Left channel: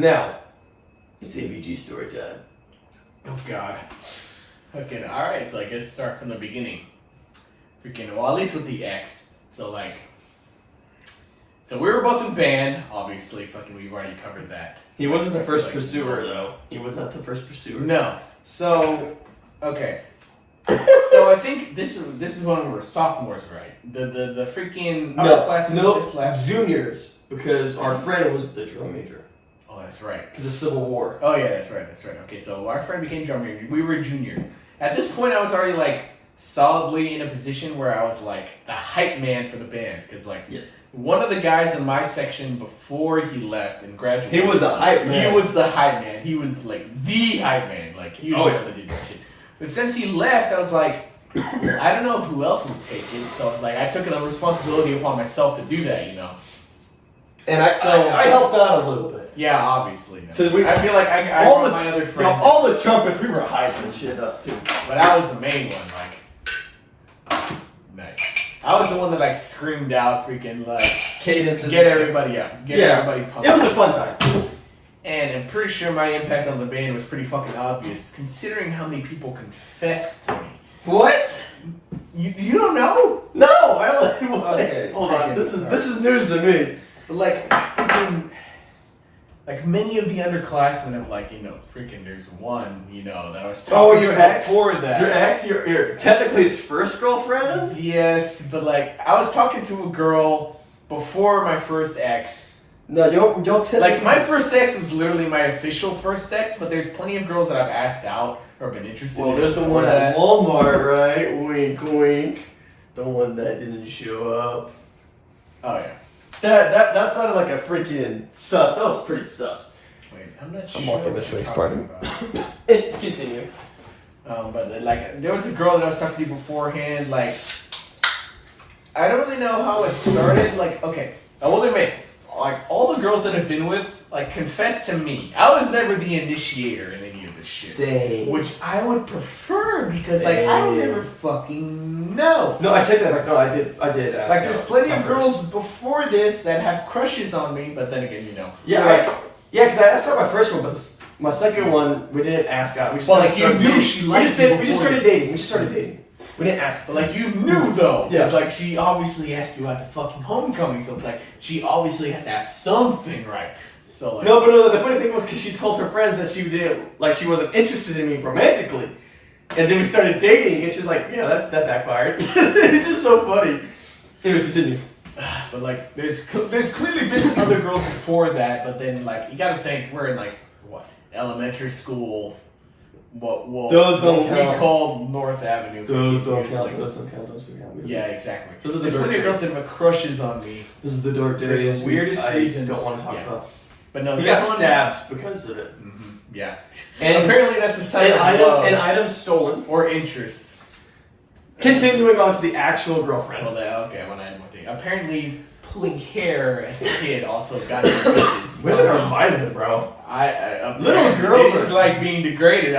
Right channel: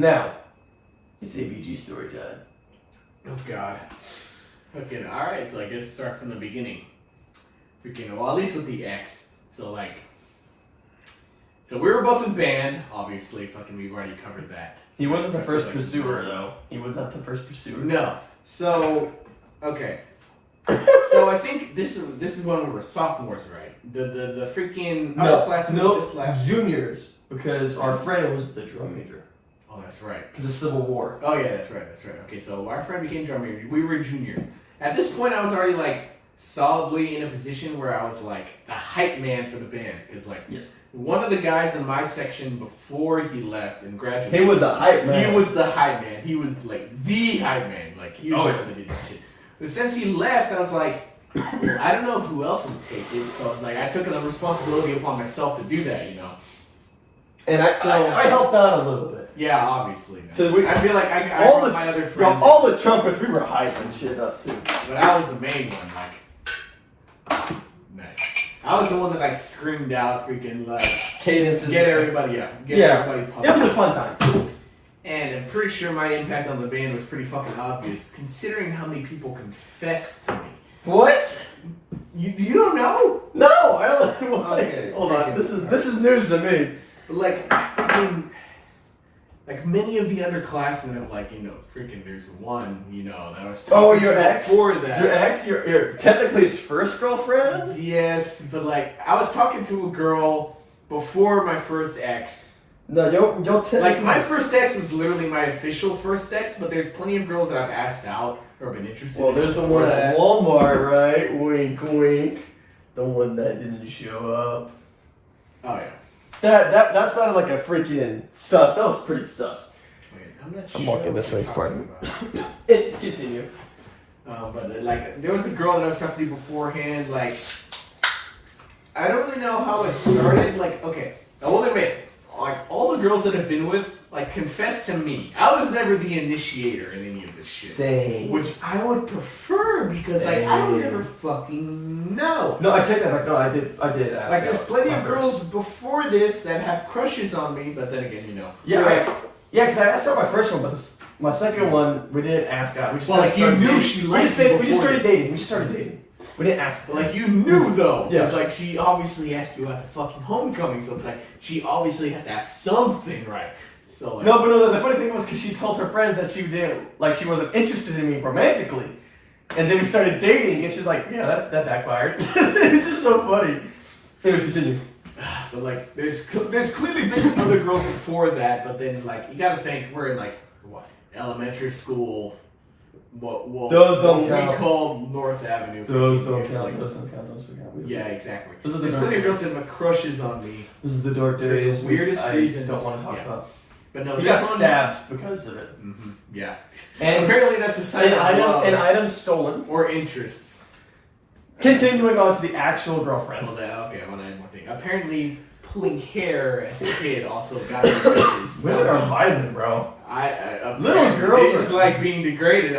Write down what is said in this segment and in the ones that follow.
Now, it's AVG story time. Oh God. Okay, alright, so I guess start from the beginning. Freaking, well, at least with the ex. So we were both in band, obviously. Fucking, we've already covered that. He wasn't the first pursuer, though. He was not the first pursuer. No. So, okay. So I think this is when we were sophomores, right? The freaking class just left. Juniors, because our friend was the drum major. Oh, that's right. Because of the Civil War. Oh yeah, that's right. Okay, so our friend became drum major. We were juniors. At this point, I was already like solidly in a position where I was like the hype man for the band, because like one of the guys in my section before he left and graduated. He was the hype man. He was the hype man. He was like the hype man. Like he was the one that did that shit. But since he left, I was like, I don't know who else would take it. So I was like, I took the responsibility upon myself to do that, you know. And I helped out a little bit. Yeah, obviously. I feel like I my other friends. All the trumpets, we were hyping shit up too. But I was the main one, like. Nice. I was the one that like screamed out freaking like cadences. Get everybody up. Everybody pumped. It was a fun time. And I'm pretty sure my impact on the band was pretty fucking obvious, considering how many people confessed to me. What? You don't know? No, I don't. Okay, hold on. This is news to me. But like freaking, like many of the underclassmen of like freaking. There's one that I was talking your to ex? before that. Your ex, your technically his first girlfriend. Yes, but like I was talking to a girl before my first ex. No, you'll tell. Like my first ex was literally my official first ex, but there's plenty of girls that I've asked out or been interested in. Well, there's the one at Walmart, right? Wink, wink. The one that didn't show up. Oh yeah. That sounded like a freaking sus. That was pretty sus. Wait, I'm not sure. I'm walking this way. Pardon. Continue. But like there was a girl that I was talking to beforehand. Like I don't really know how it started. Like okay, I will admit. Like all the girls that I've been with, like confessed to me. I was never the initiator in any of this shit. Same. Which I would prefer because like I don't ever fucking know. No, I take that back. No, I did ask. Like there's plenty of girls before this that have crushes on me, but then again, Yeah, because I asked out my first one, but my second one we didn't ask out. We just you knew she liked me. We just started dating. We didn't ask. Like you knew though. Yeah. It's like she obviously asked you out to fucking homecoming, so it's like she obviously has to have something right. So like No, the funny thing was because she told her friends that she wasn't interested in me romantically, and then we started dating, and she's like, yeah, that backfired. It's just so funny. Anyways, continue. But like, there's clearly been other girls before that, but then like you gotta think we're in like what elementary school. What we call North Avenue. Those don't count. Like, those don't count. Yeah, exactly. There's plenty of girls that have crushes on me. This is the dark days. Weirdest reasons. I don't want to talk about. But no, he got stabbed because of it. Mm-hmm. Yeah. And apparently that's a sign of love. An item stolen. Or interests. Continuing on to the actual girlfriend. Well, okay, I want to add one thing. Apparently, pulling hair as a kid also got me bitches. Women are violent, bro. Little girls are like being degraded.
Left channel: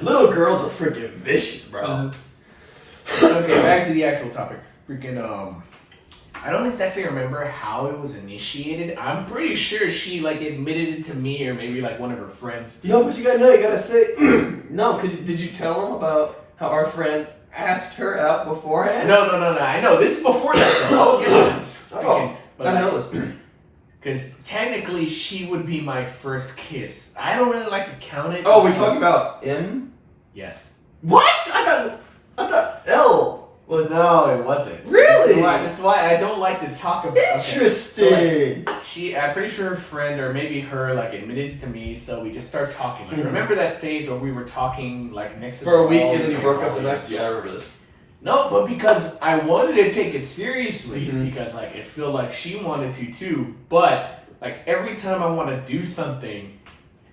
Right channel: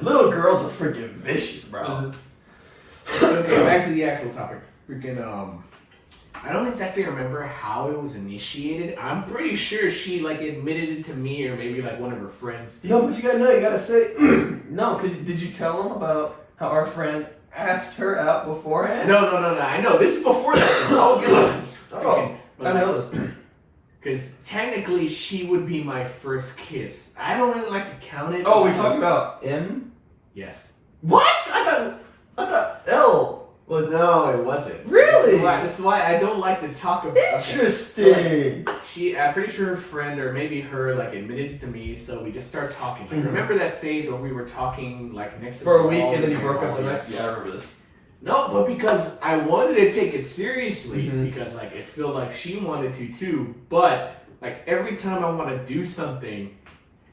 Little girls are freaking vicious, bro. Okay, back to the actual topic. Freaking I don't exactly remember how it was initiated. I'm pretty sure she like admitted it to me, or maybe like one of her friends did. No, but you gotta say no. Cause did you tell them about how our friend asked her out beforehand? No. I know this is before that. Oh, I know this. Because technically, she would be my first kiss. I don't really like to count it. Oh, we talking about M? Yes. What? I thought L. Well, no, it wasn't. Really? This is why I don't like to talk about. Interesting. Okay. So, like, I'm pretty sure her friend or maybe her like admitted it to me, so we just started talking. Like, remember that phase where we were talking like next to for a week and then you broke up the next? Yeah, I remember this. No, but because I wanted to take it seriously, because like I feel like she wanted to too. But like every time I want to do something,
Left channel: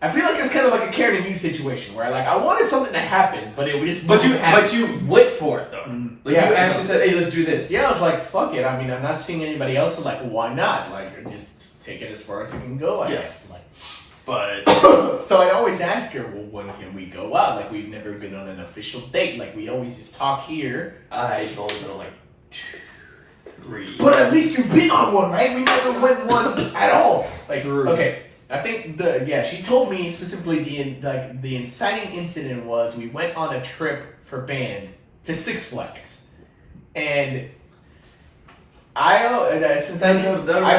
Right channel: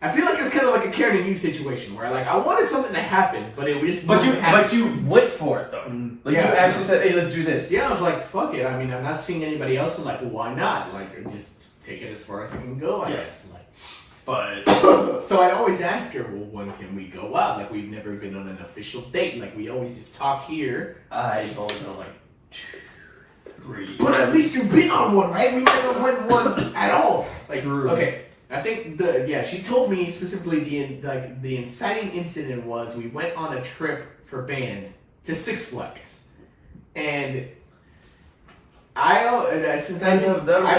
I feel like it's kind of like a Karen and you situation where like I wanted something to happen, but it just but you went for it though. Like you actually said, "Hey, let's do this." Yeah, I was like, "Fuck it." I mean, I'm not seeing anybody else, so like, why not? Like, just take it as far as it can go, I guess. Like, but so I'd always ask her, "Well, when can we go out? Like, we've never been on an official date. Like, we always just talk here." I've only been on like 2, 3. But at least you've been on one, right? We never went one at all. Like, True. Okay. I think she told me specifically the inciting incident was we went on a trip for band to Six Flags, and I've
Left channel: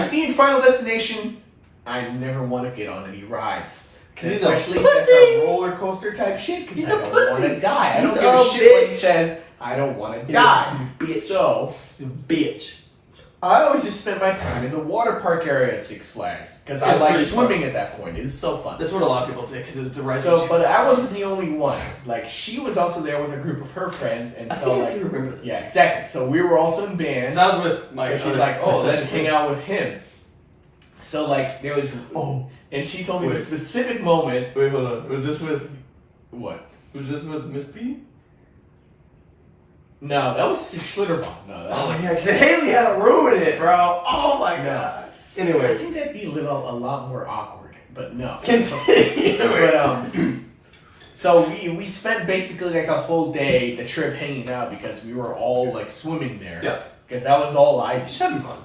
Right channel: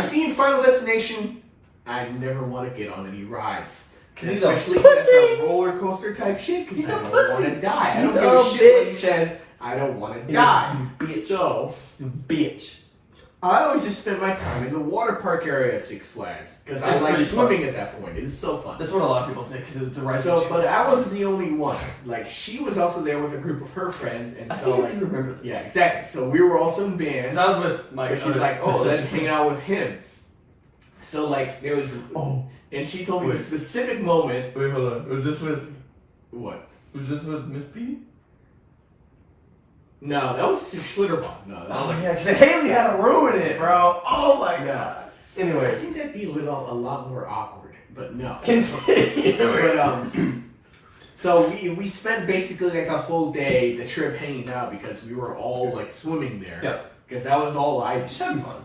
seen Final Destination, I never want to get on any rides, especially if that's a roller coaster type shit, because I don't want to die. I don't give a shit when he says I don't want to die. So, bitch. I always just spent my time in the water park area at Six Flags because I like swimming at that point. It was so fun. That's what a lot of people think because it was the right. So, but I wasn't the only one. Like she was also there with a group of her friends, and I so do remember this. Yeah, exactly. So we were also in band. I was with my. So she's like, "Oh, let's hang out with him." So like there was and she told me the specific moment. Wait, hold on. Was this with what? Was this with Miss P? No, that was Schlitterbahn. No, that was... yeah, because Haley had to ruin it, bro. Oh my god. Anyway, I think that'd be a lot more awkward, but no. Continue. But so we spent basically like a whole day, the trip, hanging out because we were all like swimming there. Yeah. Because that was all I did. Just having fun.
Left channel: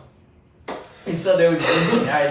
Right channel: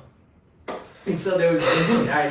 And so there was,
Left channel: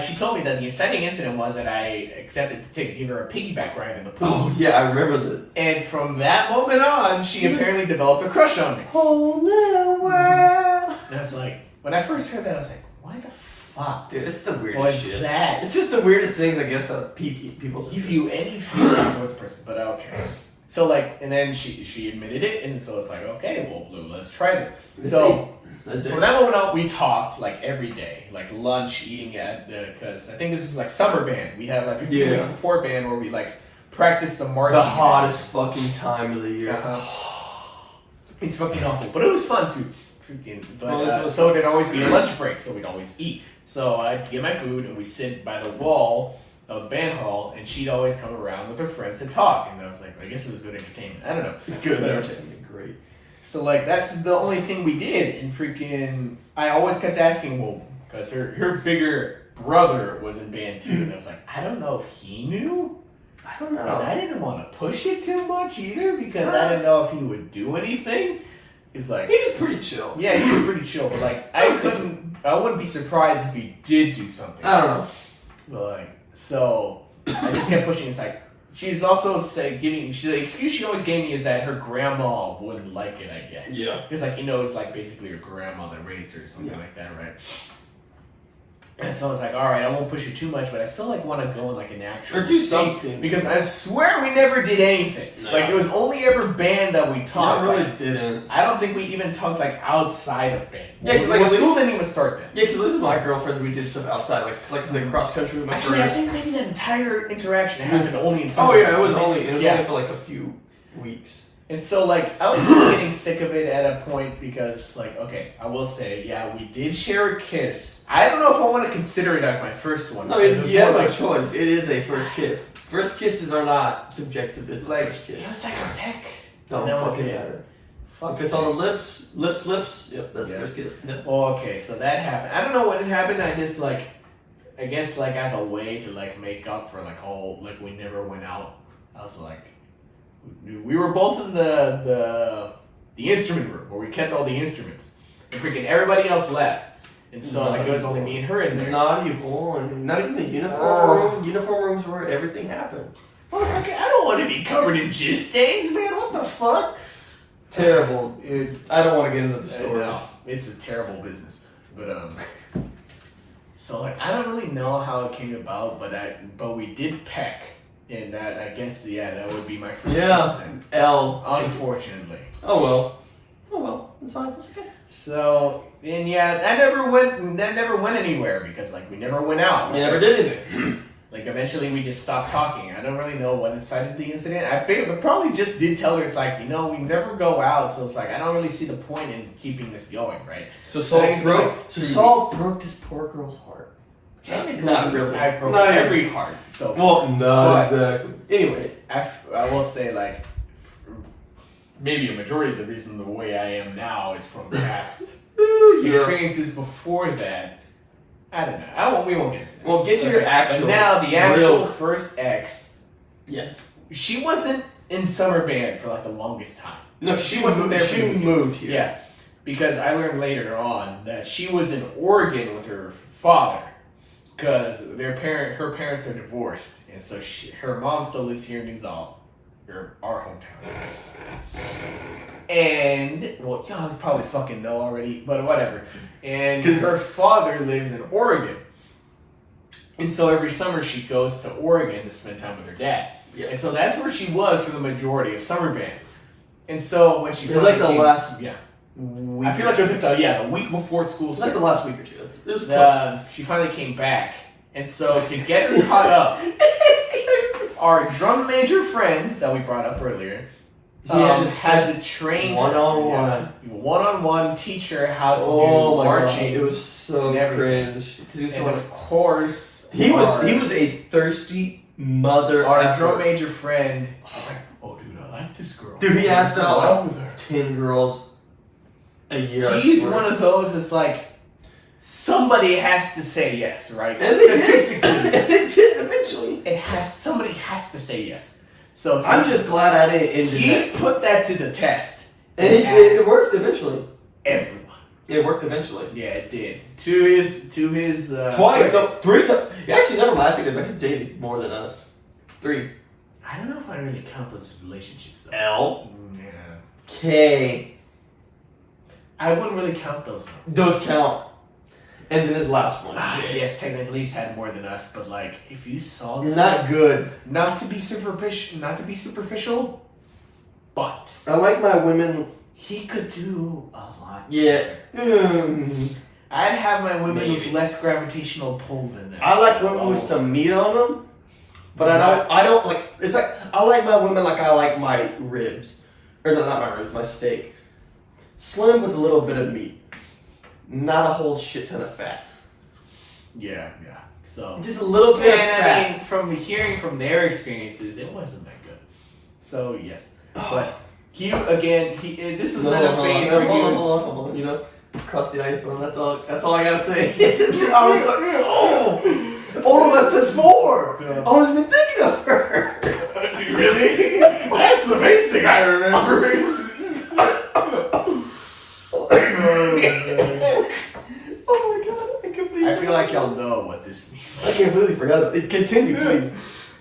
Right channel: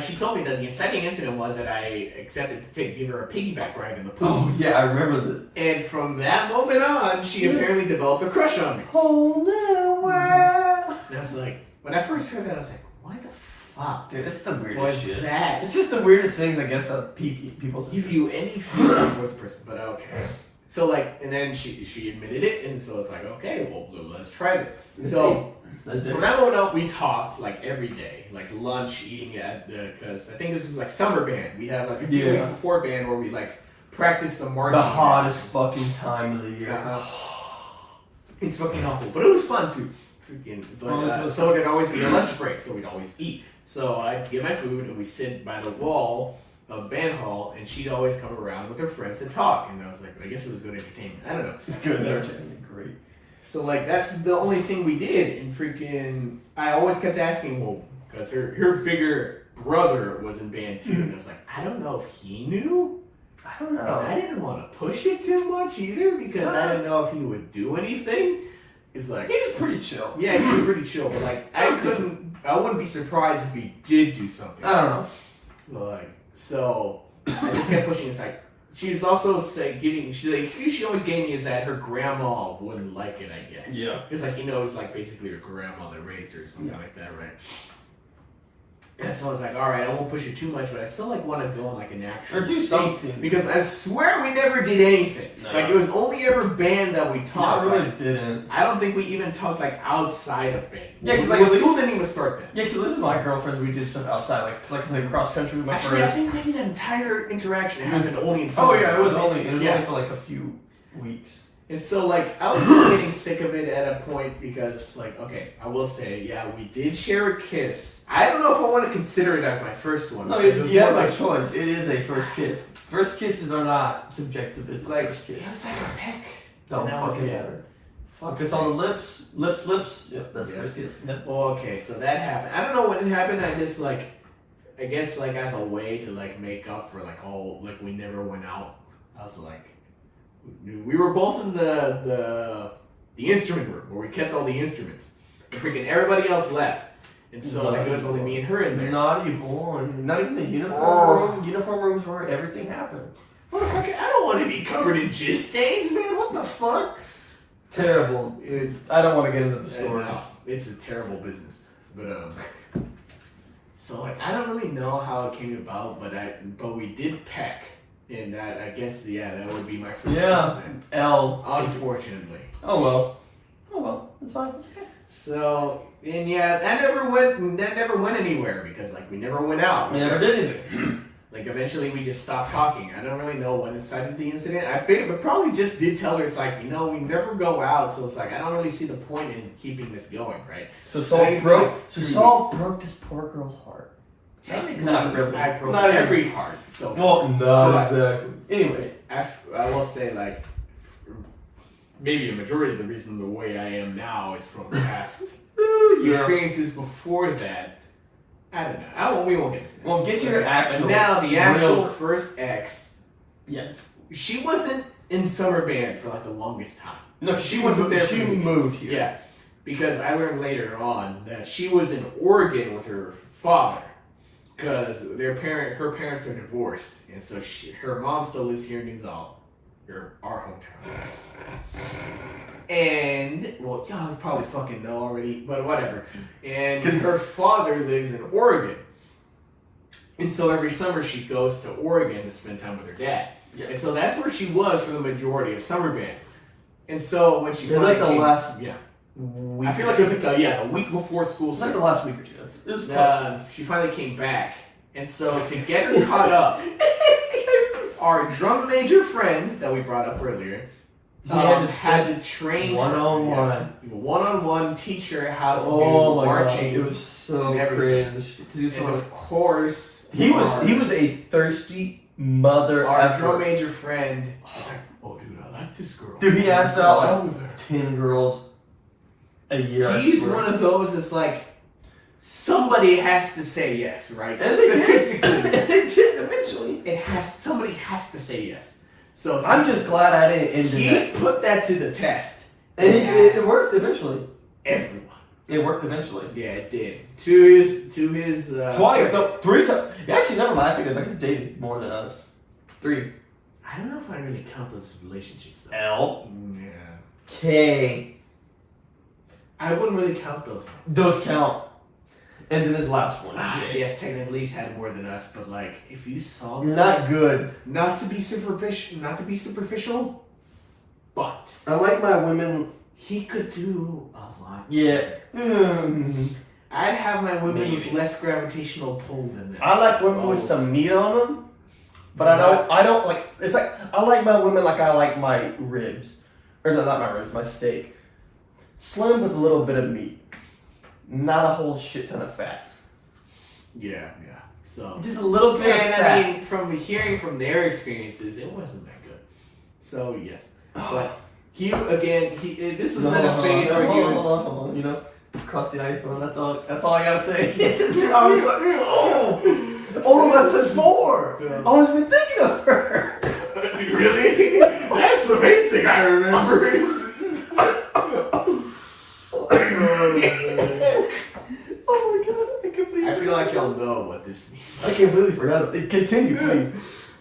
she told me that the inciting incident was that I accepted to give her a piggyback ride in the pool. Oh yeah, I remember this. And from that moment on, she apparently developed a crush on me. Whole new world. And I was like, when I first heard that, I was like, why the fuck? Dude, it's the weirdest shit. That? It's just the weirdest things, I guess, that people give you any feelings towards a person, but okay. So like, and then she admitted it, and so it's like, okay, well, let's try this. So from that moment on, we talked like every day, like lunch, eating at because I think this was like summer band. We had like a few weeks before band where we like practiced the marching. The hottest fucking time of the year. It's fucking awful, but it was fun too. Freaking, but so there'd always be a lunch break, so we'd always eat. So I'd get my food, and we sit by the wall of the band hall, and she'd always come around with her friends to talk. And I was like, I guess it was good entertainment. I don't know. Good entertainment, great. So like that's the only thing we did, and freaking I always kept asking, well, because her bigger brother was in band too, and I was like, I don't know if he knew. I don't know. And I didn't want to push it too much either because I didn't know if he would do anything. He's like, he was pretty chill. Yeah, he was pretty chill, but like I wouldn't be surprised if he did do something. I don't know. But like, so I just kept pushing. It's like she was also the excuse she always gave me is that her grandma wouldn't like it, I guess. Yeah. Because like it's like basically her grandma that raised her or something like that, right? And so I was like, all right, I won't push it too much, but I still like want to go on like an actual or do something because I swear we never did anything. No. Like it was only ever band that we talked. No, really like, didn't. I don't think we even talked like outside of band. Yeah, because like school didn't even start then. Yeah, because this is my girlfriends. We did stuff outside, like cross country with my Actually, friends. I think maybe that entire interaction happened only in. Oh yeah, it was only for like a few weeks. And so, like, I was getting sick of it at a point because, like, okay, I will say, yeah, we did share a kiss. I don't know if I want to consider it as my first one. No, you have no choice. It is a first kiss. First kisses are not subjective. It's like, first kiss. It was like a peck. Don't fucking matter. If it's on the lips, yep, that's first kiss. Yep. Well, okay, so that happened. I don't know when it happened. I just, like, I guess, like, as a way to, like, make up for, like, all, like, we never went out. I was like, we were both in the instrument room where we kept all the instruments. And freaking everybody else left. And so like it was only me and her in there. Naughty boy. Not even the uniform room. Uniform rooms where everything happened. Motherfucker, I don't want to be covered in jizz stains, man. What the fuck? Terrible. I don't want to get into the story. No, it's a terrible business. But so like I don't really know how it came about, but we did peck. And that, I guess, that would be my first kiss then. Unfortunately. Oh well. It's fine. It's okay. So, and that never went anywhere because, like, we never went out. Like, we never did anything. Like, eventually we just stopped talking. I don't really know what incited the incident. I probably just did tell her, it's like, we never go out, so it's like, I don't really see the point in keeping this going, right? So Saul broke this poor girl's heart. Technically, not really. I broke every heart. So exactly. Anyway, I will say like maybe a majority of the reason the way I am now is from past experiences before that. I don't know. We won't get into that. Well, get to your actual. But now the actual first ex. Yes. She wasn't in summer band for like the longest time. No, she wasn't there. She moved here. Yeah, because I learned later on that she was in Oregon with her father. because her parents are divorced, and so her mom still lives here in Gonzalo, our hometown. And well, y'all probably fucking know already, but whatever. And her father lives in Oregon, and so every summer she goes to Oregon to spend time with her dad. Yeah. And so that's where she was for the majority of summer band. And so when she it was like the last week, I feel like it was like the week before school started. Like the last week or two. It was close. She finally came back, and so to get her caught up, our drum major friend that we brought up earlier had to train one-on-one, teach her how to do marching. God. It was so cringe. And of course, he was a thirsty mother. Our drum major friend was like, "Oh, dude, I like this girl." Dude, he asked out like 10 girls a year. He's one of those that's like, somebody has to say yes, right? And statistically, they did eventually. Somebody has to say yes. So I'm just glad I didn't. He put that to the test, and it worked eventually. Everyone. It worked eventually. Yeah, it did. To his twice, no, 3 times. Actually, never mind. I think he's dated more than us. 3. I don't know if I really count those relationships though. L. Yeah. K. I wouldn't really count those. Those count. And then his last one. Yes, technically he's had more than us, but like if you saw that, not good. Not to be superficial, but I like my women. He could do a lot. Yeah. I'd have my women with less gravitational pull than them. I like women with some meat on them, but I don't like. It's like I like my women like I like my ribs, or no, not my ribs, my steak. Slim with a little bit of meat. Not a whole shit ton of fat. Yeah. So just a little bit of fat. I mean, from hearing from their experiences, it wasn't that good. So yes, but this was in a phase where he was. Hold on, you know, across the iPhone. That's all I gotta say. I was like, oh, that says 4. Yeah. I wasn't even thinking of her. Really? That's the main thing I remember. Oh my god, I feel like y'all know what this means. I completely forgot. Continue, please.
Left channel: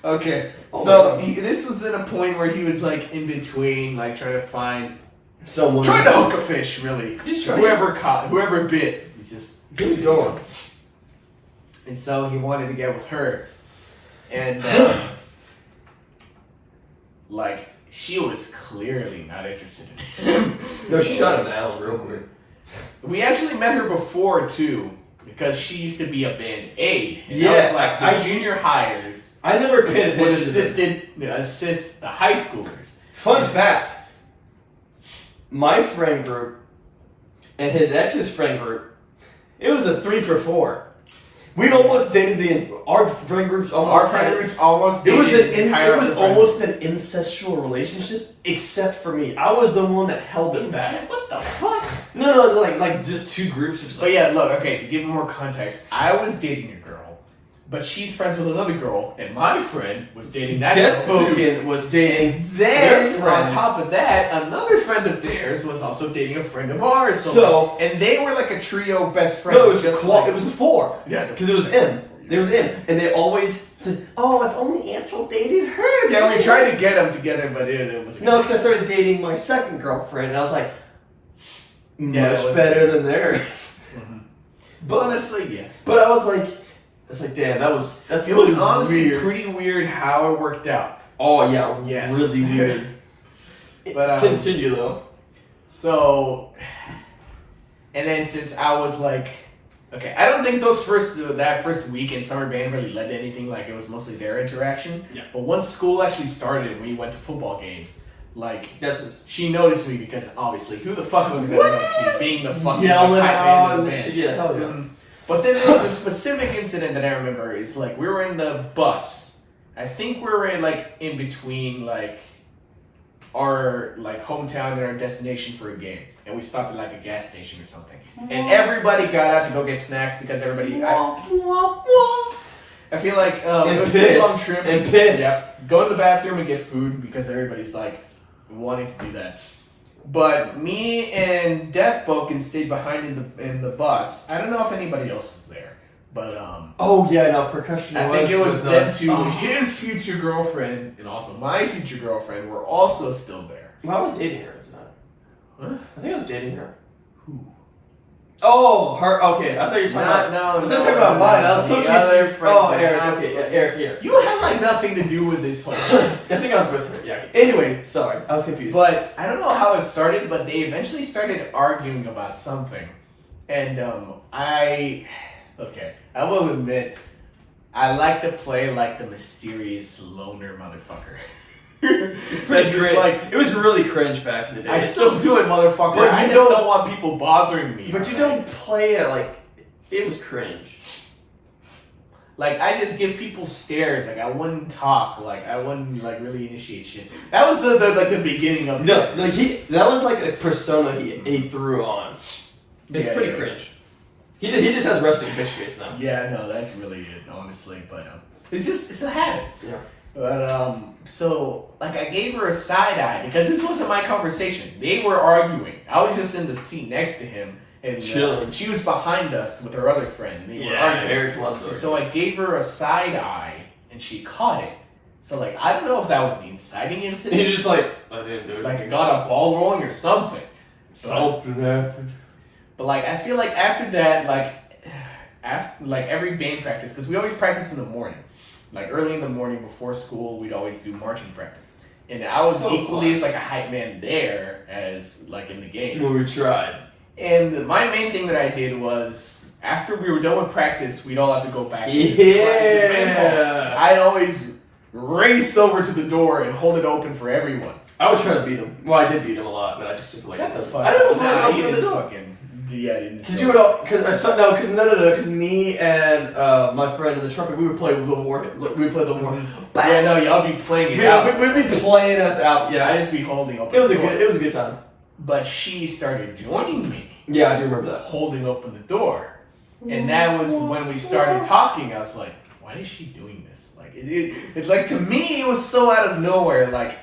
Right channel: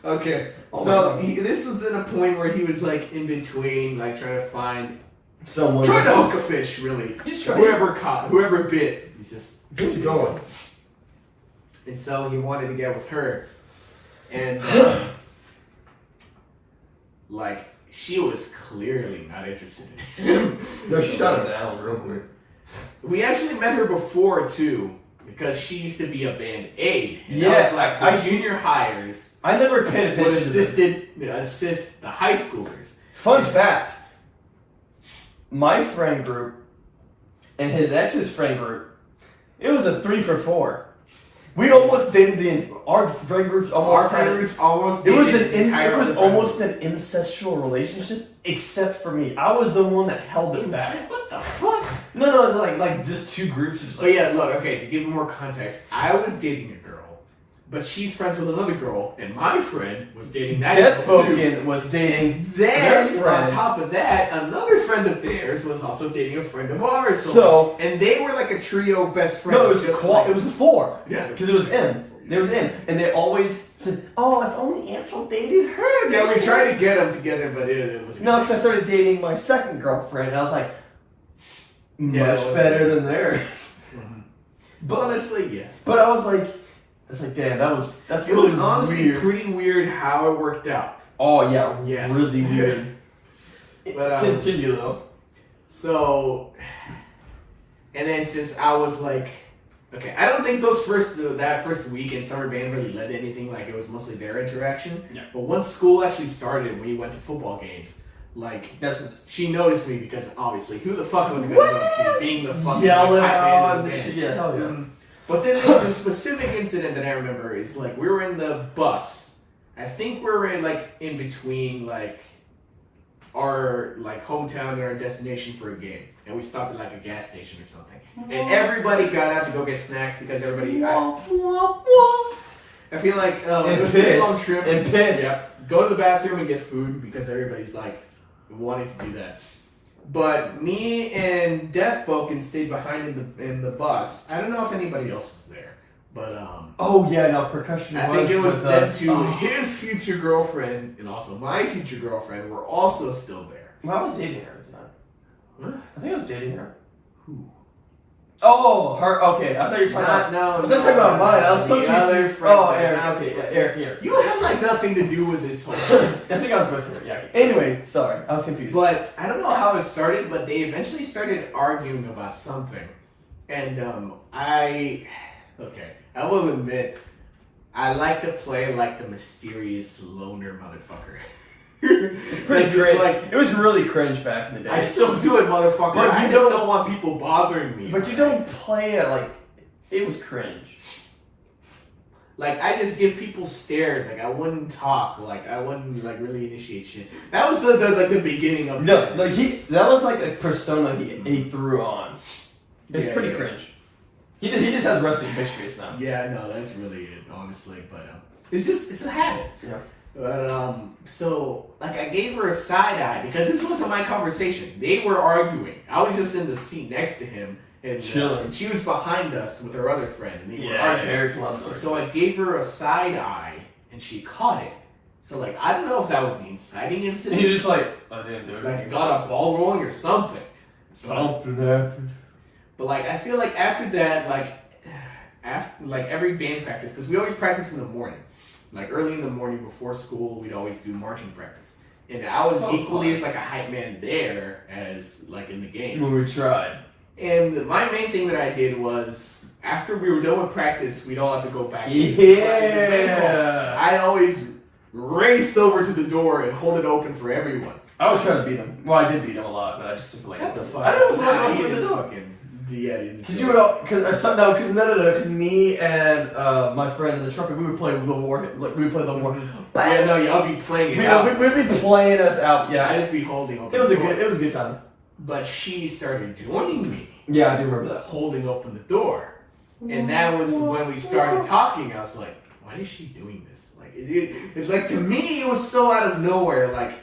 Okay, so this was at a point where he was like in between, like trying to find someone, trying to hook a fish. Really, whoever bit. He's just going. And so he wanted to get with her, and like she was clearly not interested in him. No, shut him down real quick. We actually met her before too, because she used to be a band aid. And yeah, that was like the junior hires. I never paid attention. Would assist the high schoolers. Fun fact: my friend group and his ex's friend group, it was a 3 for 4. We almost dated our friend groups almost. It was almost an incestual relationship, except for me. I was the one that held it back. What the fuck? No, like just 2 groups. Just like, yeah, look, okay. To give you more context, I was dating a girl, but she's friends with another girl, and my friend was dating that girl too. Was dating their friend. On top of that, another friend of theirs was also dating a friend of ours. And they were like a trio of best friends. No, it was it was a 4. Yeah, because it was M. There was M, and they always said, "Oh, if only Ansel dated her." Yeah, we tried to get him together, but it was no, because I started dating my second girlfriend, and I was like, much better than theirs. Mm-hmm. But honestly, yes. But I was like, it's like, damn, that's it really was honestly weird. Pretty weird how it worked out. Oh yeah, yes. Really weird. But continue though. So, and then since I was like, okay, I don't think that first week in summer band really led to anything. Like it was mostly their interaction. Yeah. But once school actually started and we went to football games, like she noticed me because obviously who the fuck was gonna notice me being the fucking yelling out and shit. Yeah, hell yeah. But then there's a specific incident that I remember is like we were in the bus. I think we were like in between like our like hometown and our destination for a game, and we stopped at like a gas station or something. And everybody got out to go get snacks because everybody. I feel like it was a long trip. And piss. Yeah, go to the bathroom and get food because everybody's like wanting to do that. But me and Death Boken stayed behind in the bus. I don't know if anybody else was there, But Oh yeah, no, percussion. I think it was them two. His future girlfriend and also my future girlfriend were also still there. Well, I was dating her at the time. Huh? I think I was dating her. Who? Oh, her. Okay, I thought you were talking about. No, I thought you were talking about mine. I was so the other confused. friend. Oh, Eric. Okay, yeah, Eric. Here. You had like nothing to do with this whole thing. I think I was with her. Yeah. Okay. Anyway, sorry, I was confused. But I don't know how it started, but they eventually started arguing about something, and I will admit, I like to play like the mysterious loner motherfucker. It's pretty cringe. Like, it was really cringe back in the day. I still do it, motherfucker. But I you just don't want people bothering me. But you don't play it like it was cringe. Like I just give people stares. Like I wouldn't talk. Like I wouldn't like really initiate shit. That was the beginning of no. Like that was like a persona he threw on. It's pretty cringe. He just has resting bitch face now. Yeah, no, that's really it, honestly. But it's a habit. Yeah. But so like I gave her a side eye because this wasn't my conversation. They were arguing. I was just in the seat next to him and chilling. She was behind us with her other friend, and they were arguing. Eric loved her. So I gave her a side eye, and she caught it. So like I don't know if that was the inciting incident. He just like I didn't do it. Like I got a ball rolling or something. Something happened. But like I feel like after that, like every band practice, because we always practice in the morning. Like early in the morning before school, we'd always do marching practice. And I was So equally fun. as like a hype man there as like in the games. Well, we tried. And my main thing that I did was after we were done with practice, we'd all have to go back. Yeah. I'd always race over to the door and hold it open for everyone. I was trying to beat him. Well, I did beat him a lot, but I just didn't like. Shut the fuck I up. didn't Nah, know you what to didn't do. fucking. Yeah, I didn't. Because you would all, because me and my friend in the trumpet, we would play the war. Like, we would play the war. Yeah, no, y'all be playing it out. We'd be playing us out. Yeah, I just be holding open. it was the a door. good time. But she started joining me, Yeah, I do remember that. holding open the door, and that was when we started talking. I was like, why is she doing this? Like it like to me, it was so out of nowhere. Like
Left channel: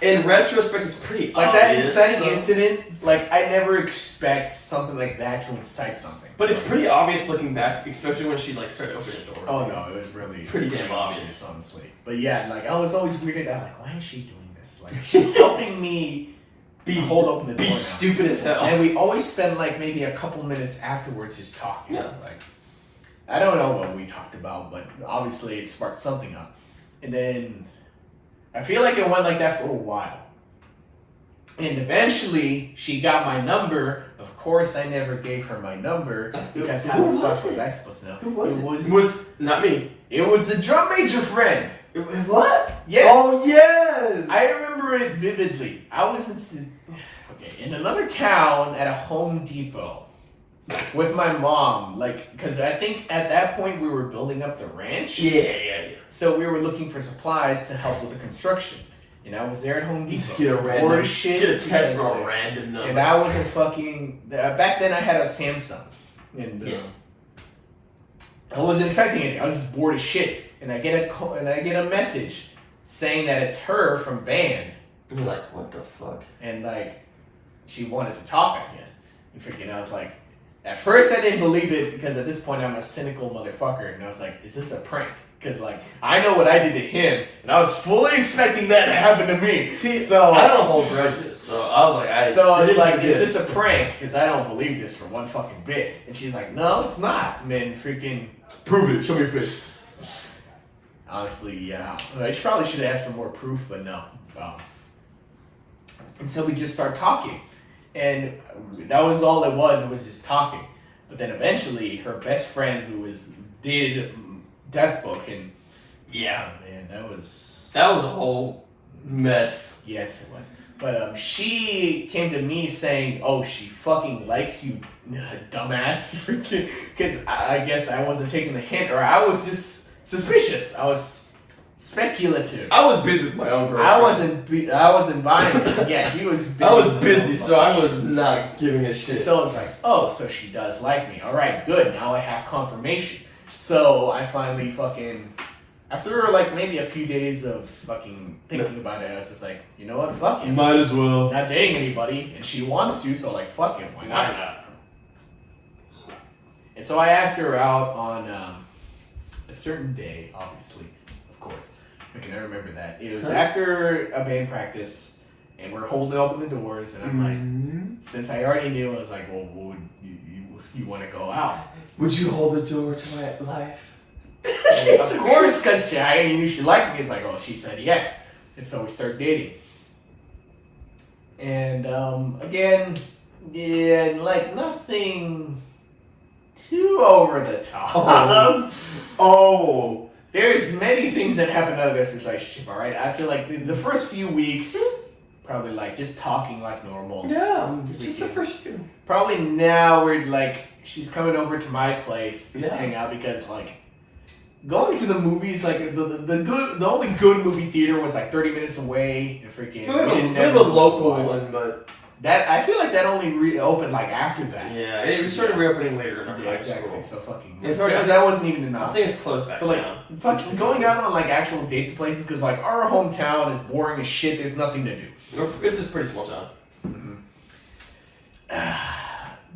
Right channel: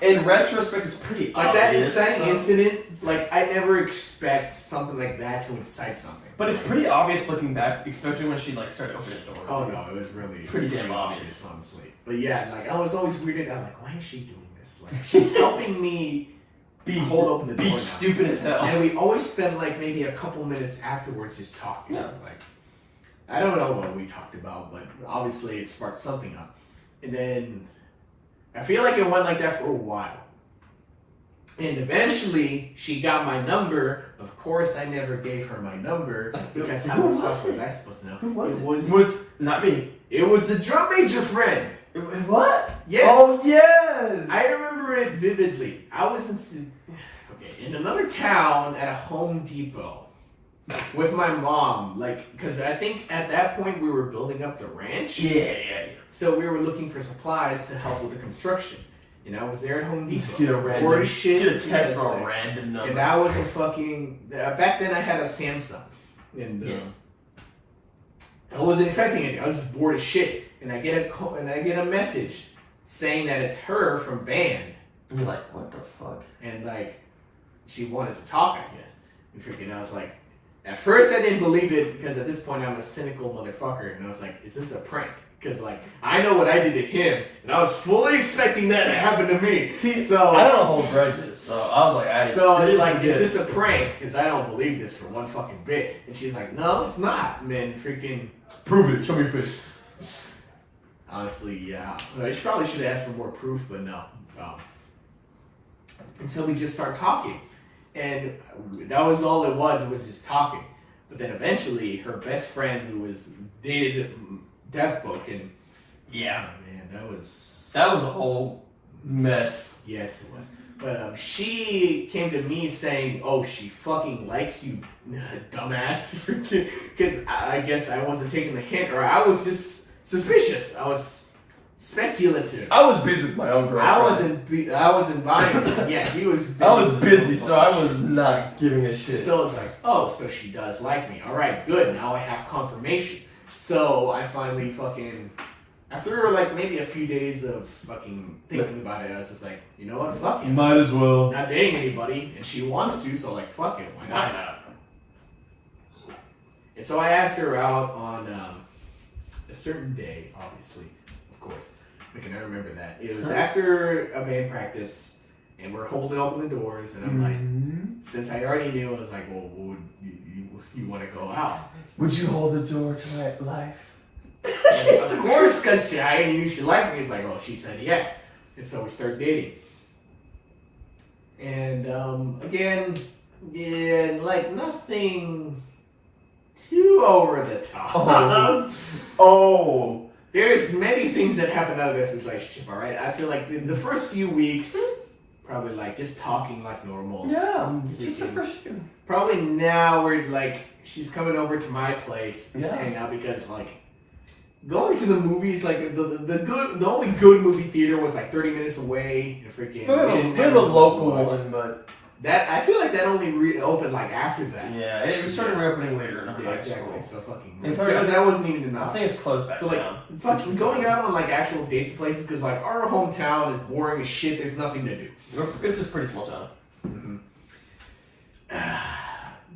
in retrospect, it's pretty like obvious, that inciting incident. Like I never expect something like that to incite something. But it's pretty obvious looking back, especially when she like started opening the door. Oh no, it was really pretty damn obvious, honestly. But yeah, like I was always weirded out. Like, why is she doing this? Like she's helping me hold open the door. Be now. stupid as hell. And we always spend like maybe a couple minutes afterwards just talking. Yeah. Like I don't know what we talked about, but obviously it sparked something up. And then I feel like it went like that for a while. And eventually she got my number. Of course, I never gave her my number because how the fuck was I supposed to know? Who was it? Was not me. it was the drum major friend. What? Yes. Oh yes. I remember it vividly. I was in another town at a Home Depot with my mom, like, because I think at that point we were building up the ranch. Yeah. So we were looking for supplies to help with the construction. And I was there at Home Depot. Just get a random, bored as shit, get a text because, from a random number. and I was a fucking. Back then I had a Samsung, and Yes. I wasn't expecting anything. I was just bored as shit, and I get a message saying that it's her from band, And you're like, what the fuck? and like she wanted to talk, I guess. And freaking, I was like, at first I didn't believe it because at this point I'm a cynical motherfucker, and I was like, is this a prank? Because like I know what I did to him, and I was fully expecting that to happen to me. See, so I don't hold grudges, so I was like, So it's like, is this a prank? Because I don't believe this for one fucking bit. And she's like, no, it's not, man. Freaking prove it? Show me your face. honestly, yeah. I probably should have asked for more proof, but no. And so we just start talking, and that was all it was. It was just talking. But then eventually, her best friend, who was dated Death Book, and Yeah, man, that was a whole mess. yes, it was. But she came to me saying, "Oh, she fucking likes you, dumbass," because I guess I wasn't taking the hint, or I was just suspicious. I was speculative. I was busy with my own girlfriend. I wasn't buying it. Yeah, he was. Busy I was with busy, his own so I shit. was not giving a shit. So I was like, oh, so she does like me. All right, good. Now I have confirmation. So I finally fucking, after like maybe a few days of fucking thinking about it, I was just like, you know what, fuck it. Might as well. Not dating anybody, and she wants to, so like, fuck it, why not? And so I asked her out on a certain day, obviously, of course. I can remember that. It was after a band practice, and we're holding open the doors, and I'm like, since I already knew, I was like, well, would you want to go out? Would you hold the door to my life? Of course, because I knew she liked me. It's like, well, she said yes. And so we started dating. And again, like nothing too over the top. Oh. There's many things that happen out of this relationship, alright? I feel like the first few weeks, probably like just talking like normal. Yeah, just the first few. Probably now we're like, she's coming over to my place to Yeah. hang out because like, going to the movies, like the only good movie theater was like 30 minutes away. And freaking, We have a local one, but that I feel like that only reopened like after that. yeah, it started reopening later in our high exactly. school. So fucking. It's already- that wasn't even I enough. think it's closed back So like, down. fucking going out on like actual dates to places because like our hometown is boring as shit. There's nothing to do. It's just pretty small town.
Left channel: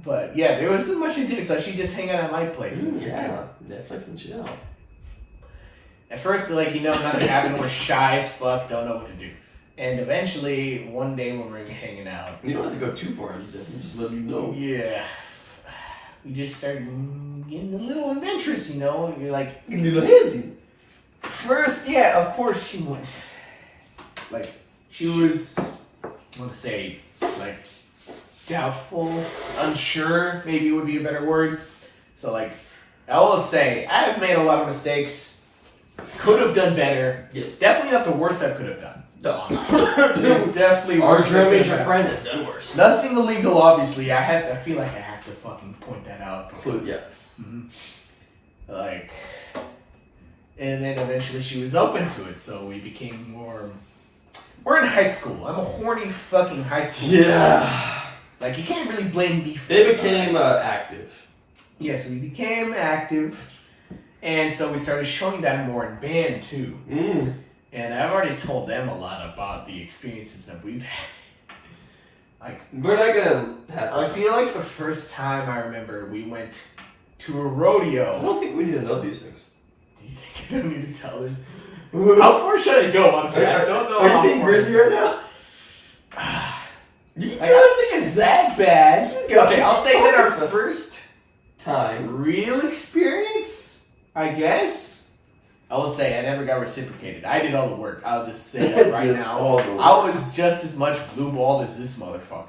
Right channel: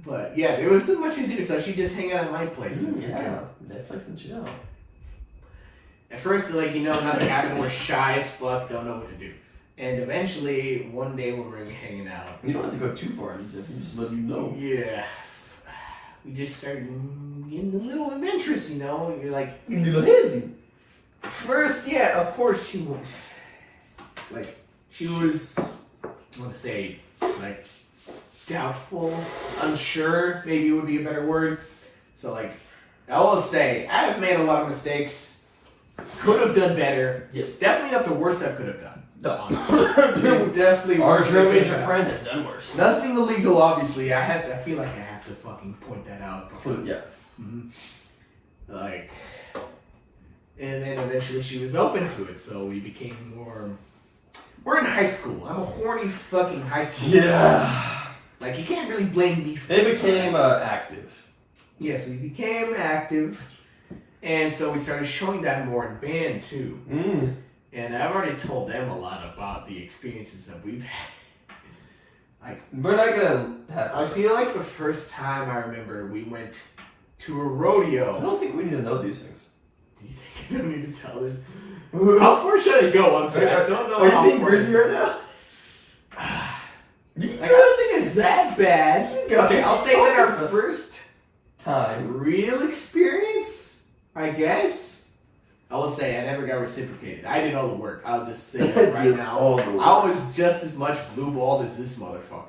But yeah, there wasn't much to do, so she just hang out at my place. Yeah, Netflix and chill. At first, like, nothing happened. We're shy as fuck, don't know what to do. And eventually, one day when we're hanging out, You don't have to go too far. Just let you know. yeah, we just started getting a little adventurous, You're like, You can do the handsy. first, yeah, of course she went. Like, she was, I want to say, like, doubtful, unsure, maybe would be a better word. So, like, I will say, I've made a lot of mistakes. Could have done better. Yes. Definitely not the worst I could have done. No. It's definitely Our worse. dream major friend has done worse. Nothing illegal, obviously. I feel like I have to fucking point that out. because- Yeah. Like, and then eventually she was open to it, so we became more. We're in high school. I'm a horny fucking high school. Yeah. Like, you can't really blame me for They this, became alright? active. Yes, we became active, and so we started showing that more in band too. And I've already told them a lot about the experiences that we've had. Like, We're not gonna have. I feel like the first time I remember we went to a rodeo. I don't think we need to know these things. Do you think I don't need to tell this? How far should I go? Honestly, I don't know. Are how you being far- grizzly right now? I don't think it's that bad. Okay, I'll say that our first Time. real experience, I guess. I will say I never got reciprocated. I did all the work. I'll just say that right now. All the work. I was just as much blue-balled as this motherfucker.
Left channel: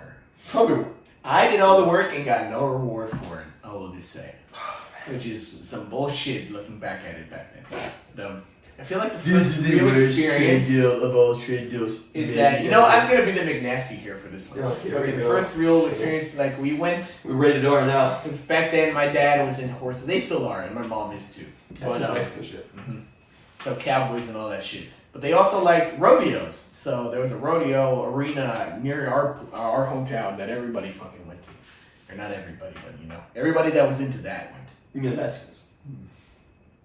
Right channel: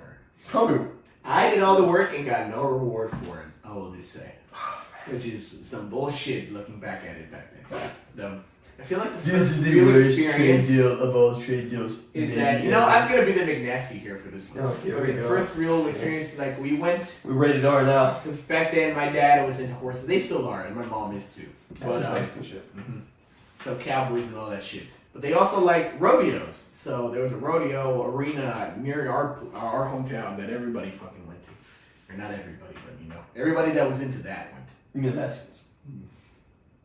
Probably. I did all the work and got no reward for it. I will just say. Which is some bullshit looking back at it back then. But, I feel like the first real experience of all trade deals. is that, I'm going to be the McNasty here for this one. Okay, But we the go. first real experience, like, we went, We're ready to go right now. because back then my dad was in horses. They still are, and my mom is too. That's just Mexican shit. So cowboys and all that shit. But they also liked rodeos. So there was a rodeo arena near our hometown that everybody fucking went to. Or not everybody, but everybody that was into that went. You mean Mexicans?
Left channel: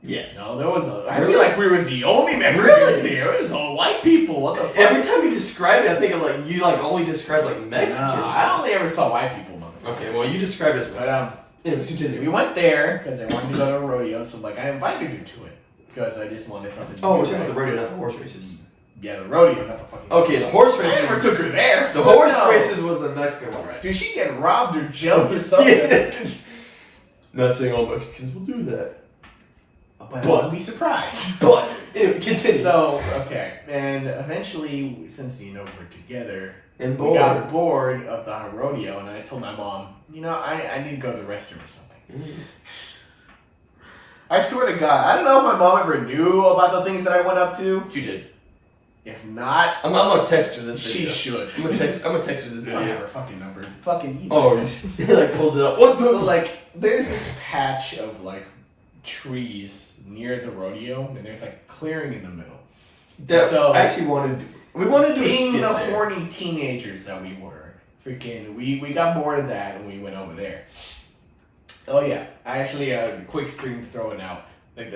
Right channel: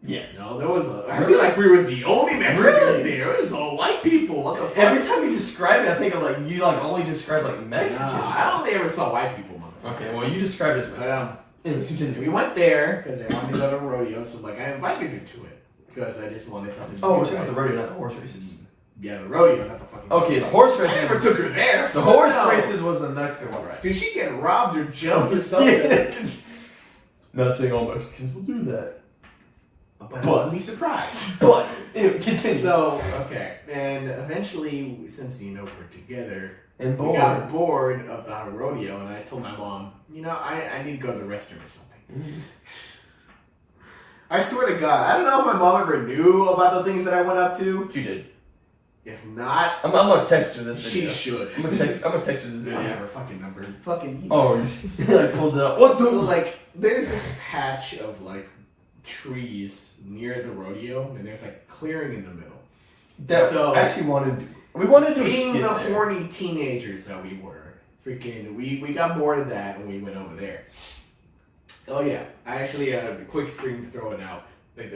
Yes. No, there was I Really? feel like we were the only Mexicans Really? there. It was all white people. What the fuck? Every time you describe it, I think of you only describe Mexicans. Nah, I only ever saw white people, motherfucker. Okay, well you describe it as But Mexican. Anyways, continue. we went there because I wanted to go to a rodeo, so like I invited her to it because I just wanted something. Oh, to we're do, talking about the right? rodeo, not the horse races. Yeah, the rodeo, not the fucking. Okay, the horse I races. never took her there. The Fuck horse no. races was the Mexican one, right? Did she get robbed or jumped or something? Yeah. Not saying all Mexicans will do that. But I wouldn't be surprised. But anyway, continue. So okay, and eventually, since we're together, and we got bored of the rodeo, and I told my mom, I need to go to the restroom or something. I swear to God, I don't know if my mom ever knew about the things that I went up to. She did. If not, I'm gonna text her this she video. should. I'm gonna text her this I don't video. have her fucking number. Fucking you. Oh, you pulled it up. What the? So like, there's this patch of like trees near the rodeo, and there's like clearing in the middle. That So- I actually wanted to do. We wanted to do a Being skit the there. horny teenagers that we were, freaking, we got bored of that and we went over there. Oh yeah, I actually a quick thing to throw it out. Like,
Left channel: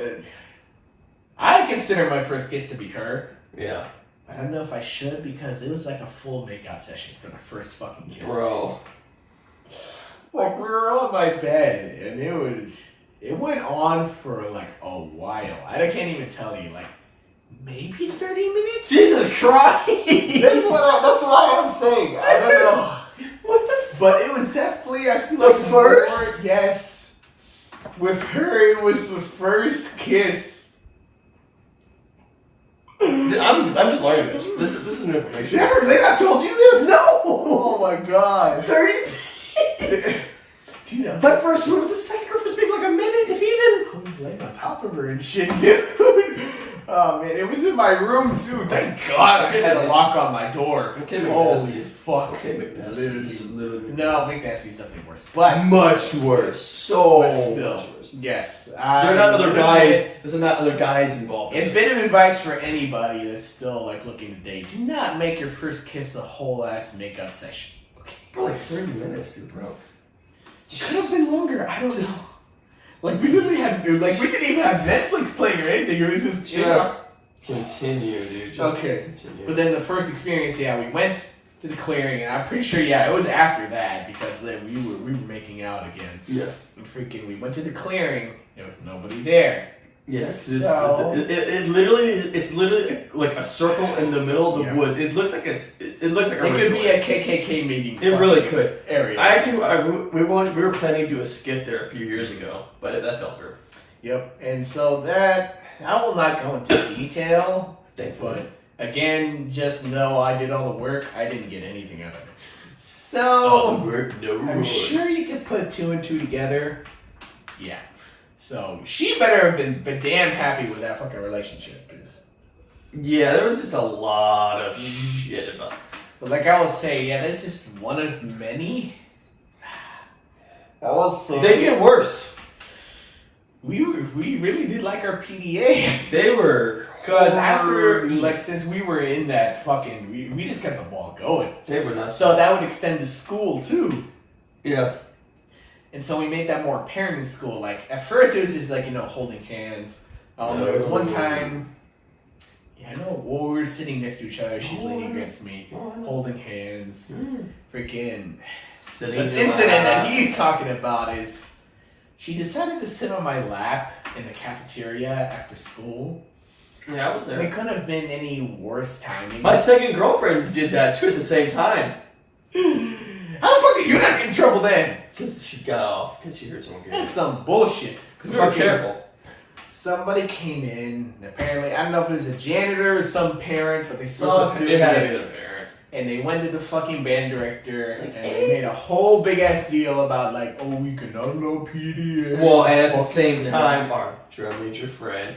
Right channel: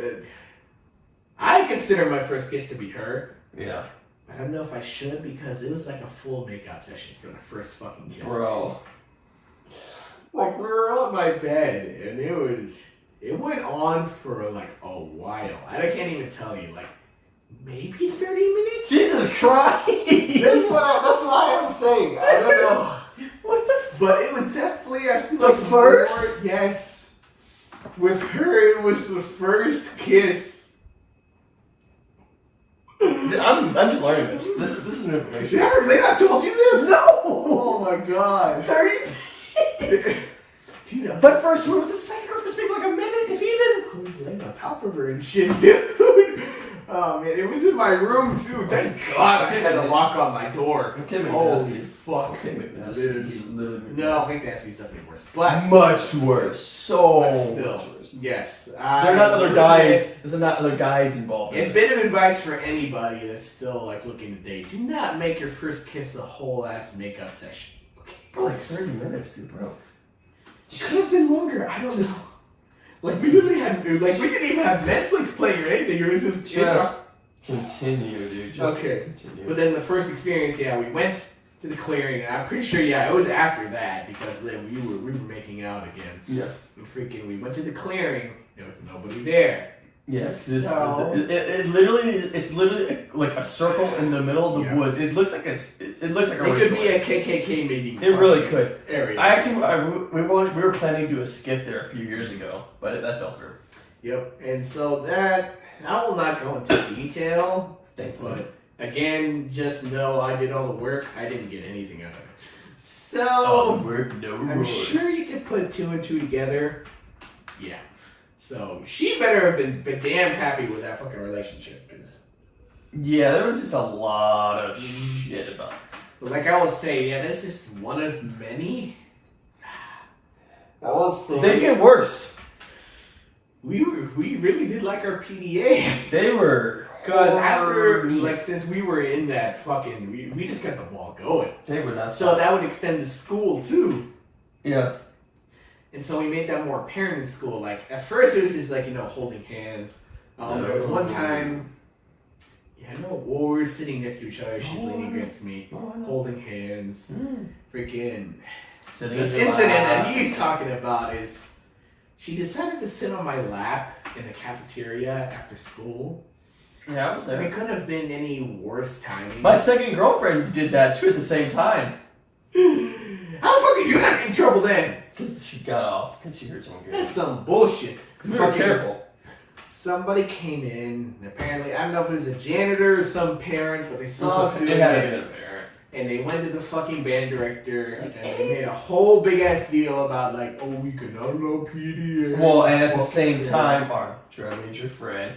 I consider my first kiss to be her. Yeah. I don't know if I should because it was like a full makeout session for the first fucking kiss. Bro. Like we were on my bed, and it went on for like a while. I can't even tell you, like maybe 30 minutes. Jesus Christ! That's what I'm saying. I don't know. What the? But it was definitely, I feel The like first? Yes. With her, it was the first kiss. I'm just learning this. This is new information. Never, they not told you this? No. Oh my god. 30. Dude, My first one with the sacrifice maybe like a minute, if even. I was laying on top of her and shit, dude. Oh man, it was in my room too. Thank God I had a lock on my door. Okay, Holy fuck. Okay, McNasty. Literally. No, I think Nasty's definitely worse. But Much worse. So but still, much worse. yes. There are not other guys. There's not other guys involved. A bit of advice for anybody that's still like looking to date: do not make your first kiss a whole ass makeup session. Okay. For like 30 minutes, dude, bro. It could have been longer. I don't know. Like we literally had, we didn't even have Netflix playing or anything. It was just continue, dude. Just okay. Continue. But then the first experience, we went to the clearing, and I'm pretty sure, it was after that because then we were making out again. Yeah. And we went to the clearing. There was nobody there. Yes. So It's literally like a circle in the middle of the woods. It looks like it looks like a. It could be a KKK meeting. It really could. Area. We were planning to do a skit there a few years ago, but that fell through. Yep. And so that I will not go into detail. Thankfully. But again, just know I did all the work. I didn't get anything out of it. So All the work, no I'm reward. sure you could put 2 and 2 together. Yeah. So she better have been damn happy with that fucking relationship. Yeah, there was just a lot of shit about it. But like I will say, that's just one of many. I will say They get worse. we really did like our PDA. They were Because after, since we were in that fucking, we just kept the ball going. They were not. So that would extend to school too. Yeah. And so we made that more apparent in school. Like, at first it was just holding hands. There was one time, I know, we were sitting next to each other. She's leaning against me, holding hands. Freaking. This incident that he's talking about is, she decided to sit on my lap in the cafeteria after school. Yeah, I was there. It couldn't have been any worse timing. My second girlfriend did that too at the same time. How the fuck did you not get in trouble then? Because she got off. Because she heard someone get That's off. some bullshit. Because we were careful. Somebody came in, and apparently, I don't know if it was a janitor or some parent, but they saw us doing It had to it. be a parent. And they went to the fucking band director, and they made a whole big ass deal about we cannot allow PDA. Well, and at the same time, our drum major friend,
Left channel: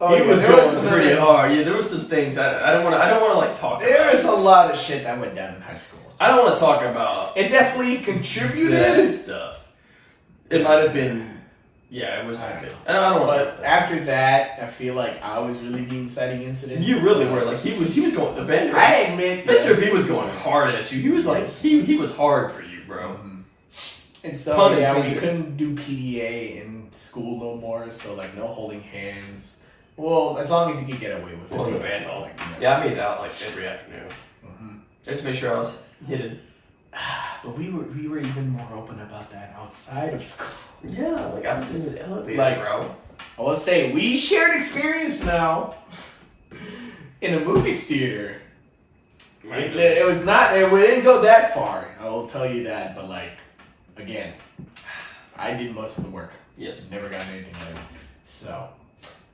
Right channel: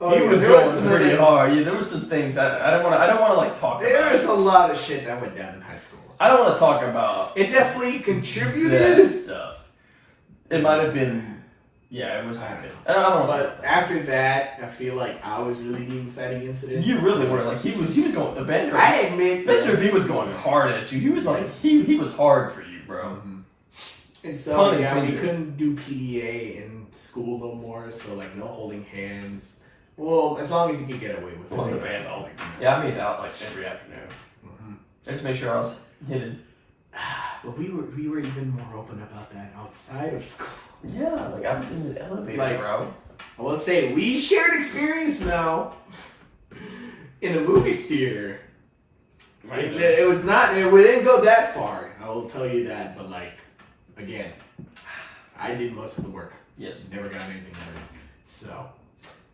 Oh, he was there going pretty hard. Yeah, there was some things I don't want to talk There about. was a lot of shit that went down in high school. I don't want to talk about It definitely contributed. that stuff. It might have been, it was not good. I don't want to talk But about that. after that, I feel like I was really the inciting incident. You really were. Like, he was going, the band I director, admit, Mr. yes. V was going hard at you. He was like, he was hard for you, bro. And so, Pun we intended. couldn't do PDA in school no more, so, no holding hands. Well, as long as you could get away with it. Well, in the band hall. Yeah, I made out, every afternoon. I just made sure I was hidden. But we were even more open about that outside of school. Yeah, I was in the elevator, bro. I will say, we shared experience now in a movie theater. It was not, we didn't go that far, I will tell you that, but again, I did most of the work. Yes. Never got anything out of it. So,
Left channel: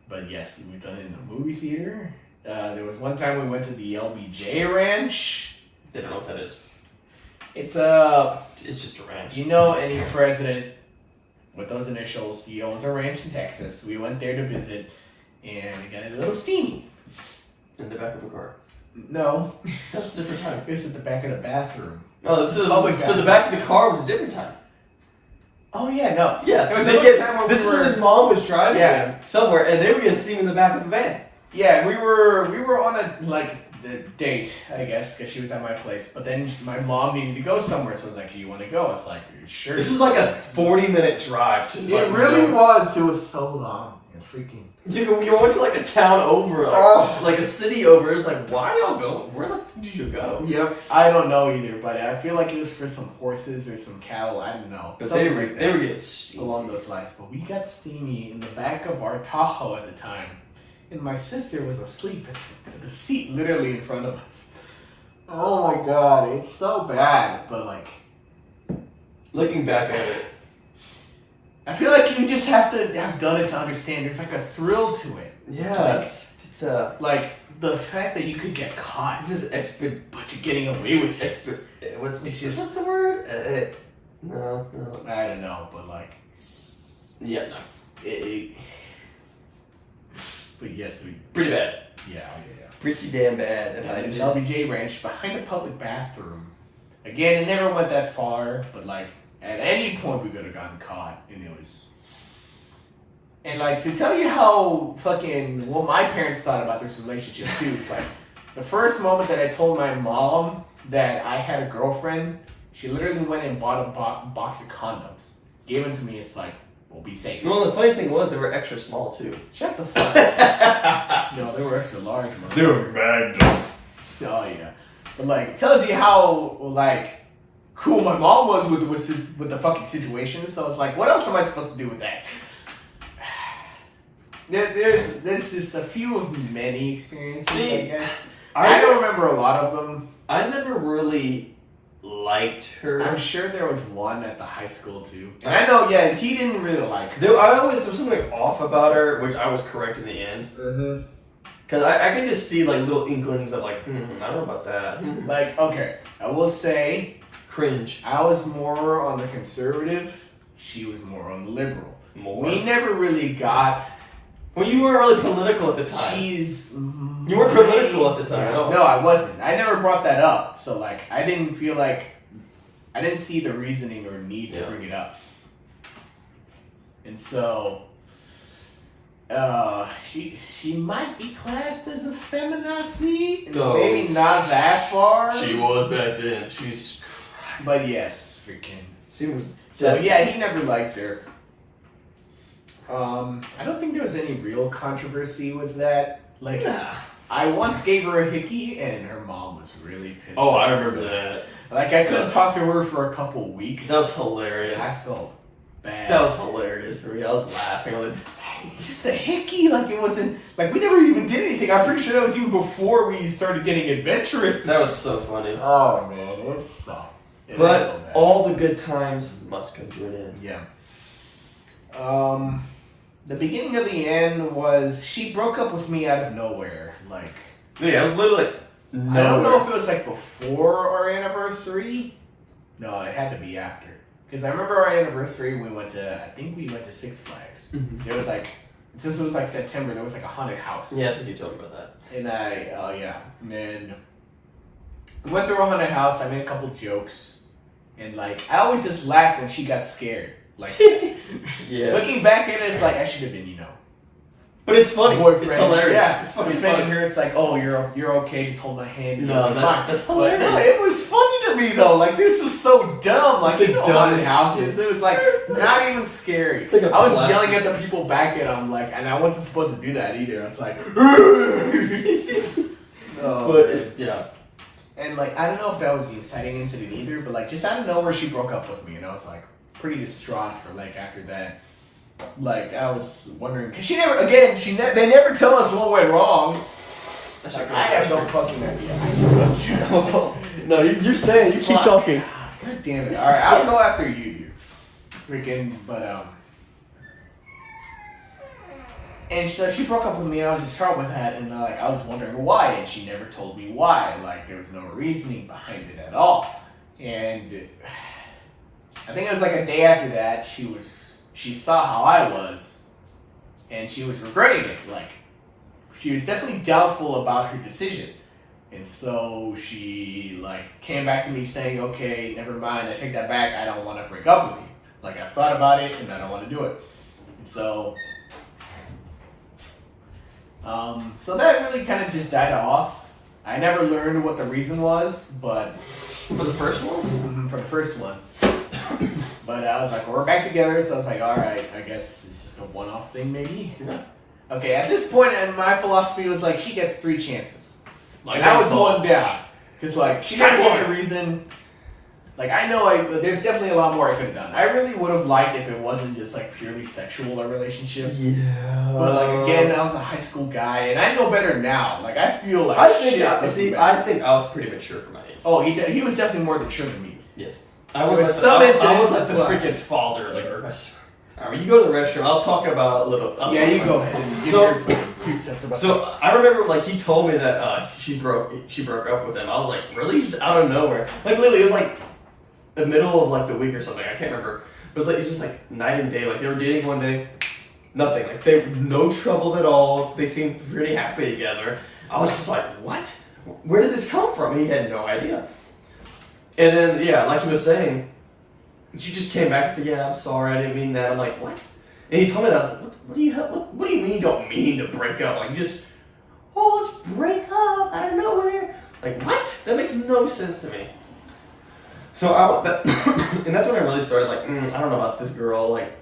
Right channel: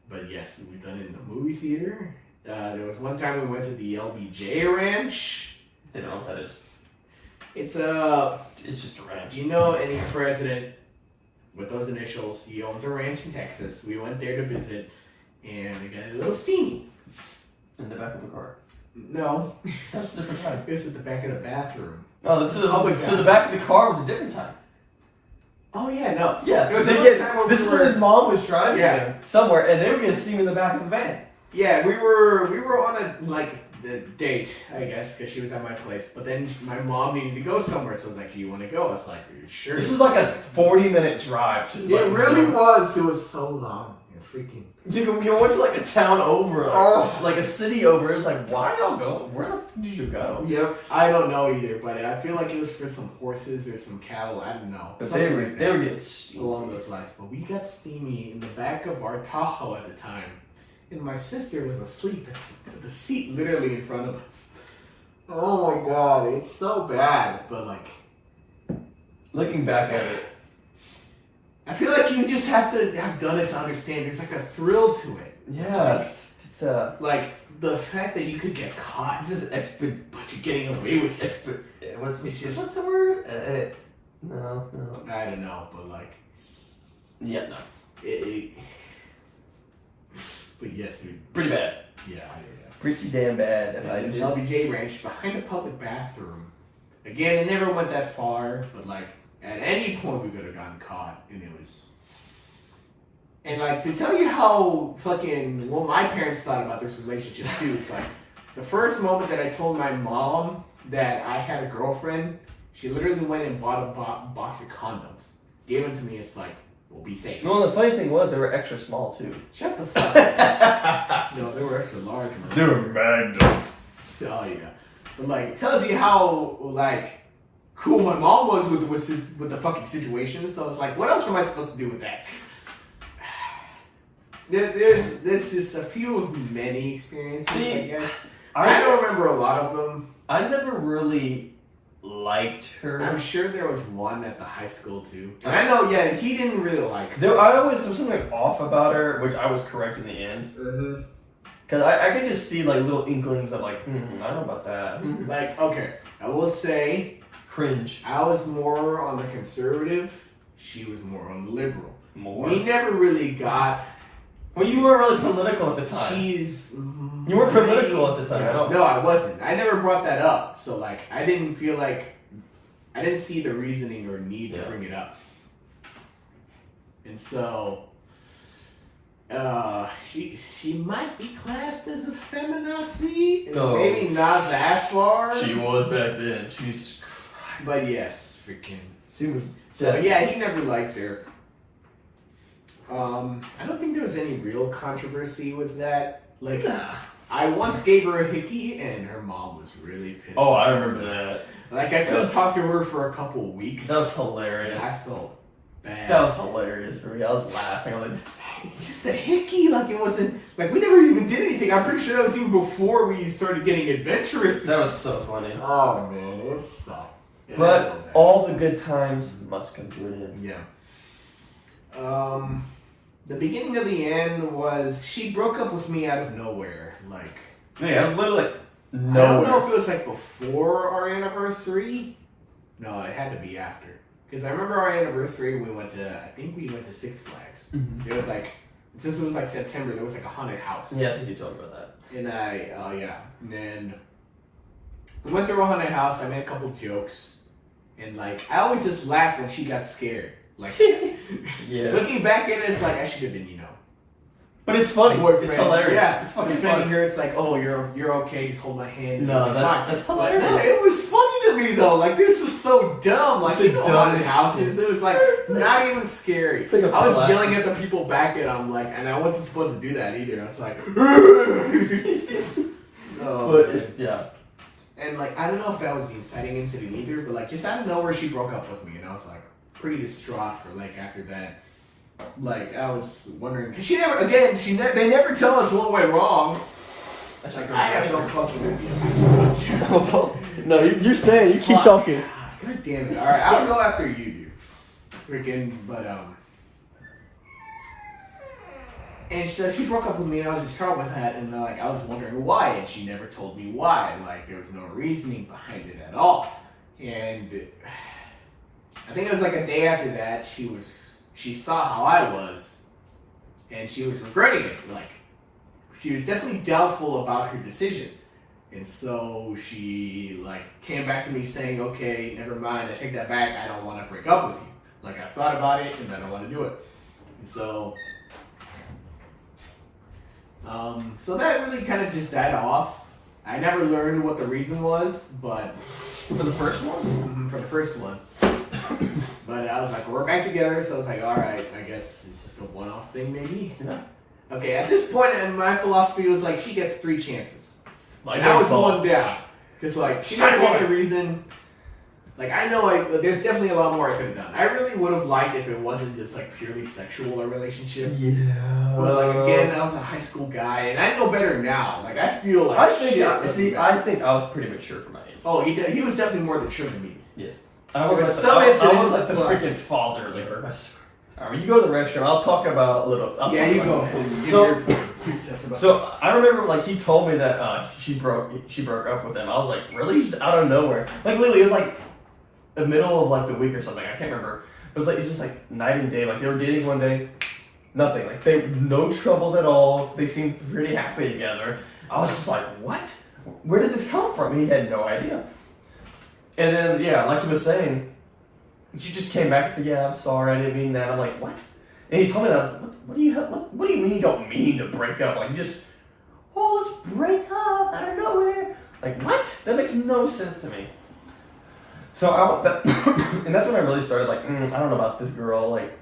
but yes, we've done it in the movie theater. There was one time we went to the LBJ Ranch. They don't know what that is. It's just a ranch. any president with those initials, he owns a ranch in Texas. We went there to visit, and it got a little steamy. In the back of the car. No, That's a different time. it was at the back of the bathroom. Oh, so Public the back of the car was a different time. Oh yeah, no. Yeah, There was they another time where this is when his mom was driving Yeah. him somewhere, and they were gonna see him in the back of the van. Yeah, we were on a the date, I guess, because she was at my place. But then my mom needed to go somewhere, so I was like, "Do you want to go?" I was like, "Sure." This was like a 40-minute drive to. It really was. It was so long. freaking. You went to like a town over, like a city over. It's like, why y'all go? Where the fuck did you go? Yep, I don't know either, but I feel like it was for some horses or some cattle. I don't know. But they were getting steamy. Along those lines. But we got steamy in the back of our Tahoe at the time, and my sister was asleep at the seat literally in front of us. Oh my god, it's so bad. But like, looking back at it, I feel like you just have to have done it to understand. There's like a thrill to it. yeah, it's like the fact that you could get caught, this is but you're getting away with it. what's the word? No. I don't know, but like, Yeah, no. But yes, Pretty bad. Yeah. Pretty damn bad. If I And just LBJ Ranch behind a public bathroom. Again, it never went that far, but like at any point we could have gotten caught, and it was. And like to tell you how fucking what my parents thought about this relationship too. It's like the first moment that I told my mom that I had a girlfriend, she literally went and bought a box of condoms, gave them to me. It's like, we'll be safe. No, the funny thing was they were extra small too. Shut the fuck up. No, they were extra large, man. They were magnums. Oh yeah, but like it tells you how like cool my mom was with the fucking situation. So it's like, what else am I supposed to do with that? There's just a few of many experiences. See, I guess I don't remember a lot of them. I never really liked her. I'm sure there was one at the high school too. And I know, yeah, he didn't really like her. There was something off about her, which I was correct in the end. Mm-hmm. Because I could just see like little inklings of like, I don't know about that. Like, okay, I will say, Cringe. I was more on the conservative. She was more on the liberal. More. We never really got. Well, you weren't really political at the time. You weren't political at the time at all. No, I wasn't. I never brought that up. So, like, I didn't feel like... I didn't see the reasoning or need to bring it up. And so... she might be classed as a feminazi. No. Maybe not that far. She was back then. Jesus Christ. But yes, freaking... She was... So, yeah, he never liked her. I don't think there was any real controversy with that. Like, Nah. I once gave her a hickey, and her mom was really pissed. Oh, I remember that. Like, I couldn't talk to her for a couple weeks. That was hilarious. I felt bad. That was hilarious for me. I was laughing. Like, It's just a hickey. Like, it wasn't... Like, we never even did anything. I'm pretty sure that was even before we started getting adventurous. that was so funny. Oh, man. It sucked. But all the good times must come to an end. Yeah. The beginning of the end was she broke up with me out of nowhere. Like, Yeah, it was literally like I don't know nowhere. if it was like before our anniversary. No, it had to be after. Because I remember our anniversary, I think we went to Six Flags. Mhm. It was like, since it was like September, there was like a haunted house. Yeah, I think you told me about that. And and then we went through a haunted house. I made a couple jokes. And like, I always just laughed when she got scared. Like, Yeah. looking back at it, it's like, I should have been, But it's funny. boyfriend. It's hilarious. Yeah, It's fucking defending funny. her. It's like, oh, you're okay. Just hold my hand. and No, you're that's fine. hilarious. But, no, it was funny to me though. Like, this is so dumb. Like, It's you the know, haunted dumbest houses. shit. It was like not even scary. It's like a I was classic. yelling at the people back at them, like, and I wasn't supposed to do that either. I was like, Yeah. And like, I don't know if that was the inciting incident either, but like, just out of nowhere, she broke up with me, and I was like, pretty distraught for like after that. Like, I was wondering, because they never tell us what went wrong. Like, I have no fucking idea. No, you stay. You keep Fuck. talking. God damn it. Alright, I'll go after you, dude. Freaking, but, and so she broke up with me, and I was distraught with that, and like, I was wondering why, and she never told me why. Like, there was no reasoning behind it at all. And I think it was like a day after that, she saw how I was, and she was regretting it. Like, she was definitely doubtful about her decision. And so she, like, came back to me saying, okay, never mind, I take that back, I don't want to break up with you. Like, I've thought about it, and I don't want to do it. And so, so that really kind of just died off. I never learned what the reason was, but... For the first one? For the first one. But I was like, we're back together, so I was like, all right, I guess it's just a one-off thing, maybe. Yeah. Okay, at this point, and my philosophy was like, she gets 3 chances. Like and I was baseball. one down. Because, like, she Strike had one. one reason. Like, I know there's definitely a lot more I could have done. I really would have liked if it wasn't just, like, purely sexual a relationship. Yeah. But, like, again, I was a high school guy, and I know better now. Like, I feel like I think shit I think I was pretty mature for my age. Oh, he was definitely more mature than me. Yes. I There was was like some I incidents was like the well- freaking father. Like, alright, you go to the restroom. I'll talk about a little. I'll Yeah, talk you about go it. ahead. Give So- me your few cents about So I remember, like, he told me that she broke up with him. I was like, really? Just out of nowhere. Like, literally, it was like the middle of like the week or something. I can't remember. But it was like it's just like night and day. Like they were dating one day, nothing. Like they no troubles at all. They seemed pretty happy together. I was just like, what? Where did this come from? He had no idea. And then yeah, like he was saying, she just came back and said, yeah, I'm sorry, I didn't mean that. I'm like, what? And he told me that. I was like, what do you mean you don't mean to break up? Like, you just, oh, let's break up out of nowhere. Like, what? That makes no sense to me. So, and that's when I really started, like, I don't know about this girl. Like,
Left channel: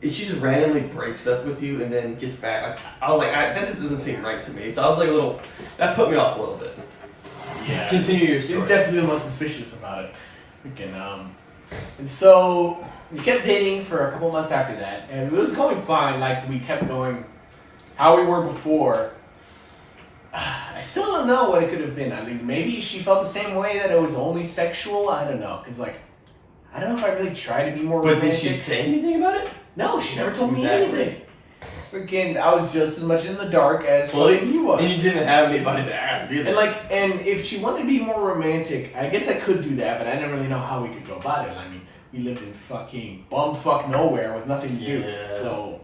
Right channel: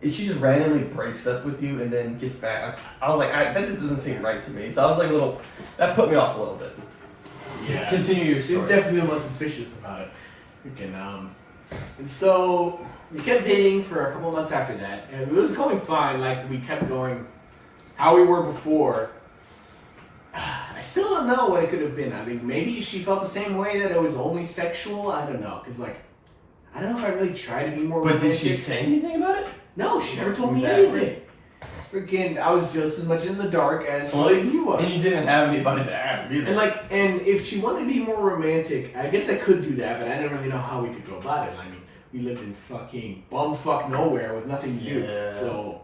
if she just randomly breaks up with you and then gets back, I was like, that just doesn't seem right to me. So I was like that put me off a little bit. Yeah. Continue your She's story. definitely the most suspicious about it. Freaking, and so we kept dating for a couple months after that, and it was going fine. Like we kept going how we were before. I still don't know what it could have been. I mean, maybe she felt the same way that it was only sexual. I don't know, cause like I don't know if I really tried to be more. But did romantic. she say anything about it? No, she never told me Exactly. anything. Freaking, I was just as much in the dark as fucking he was. And you didn't have anybody to ask either. And if she wanted to be more romantic, I guess I could do that, but I didn't really know how we could go about it. I mean, we lived in fucking bumfuck nowhere with nothing to do. Yeah. So,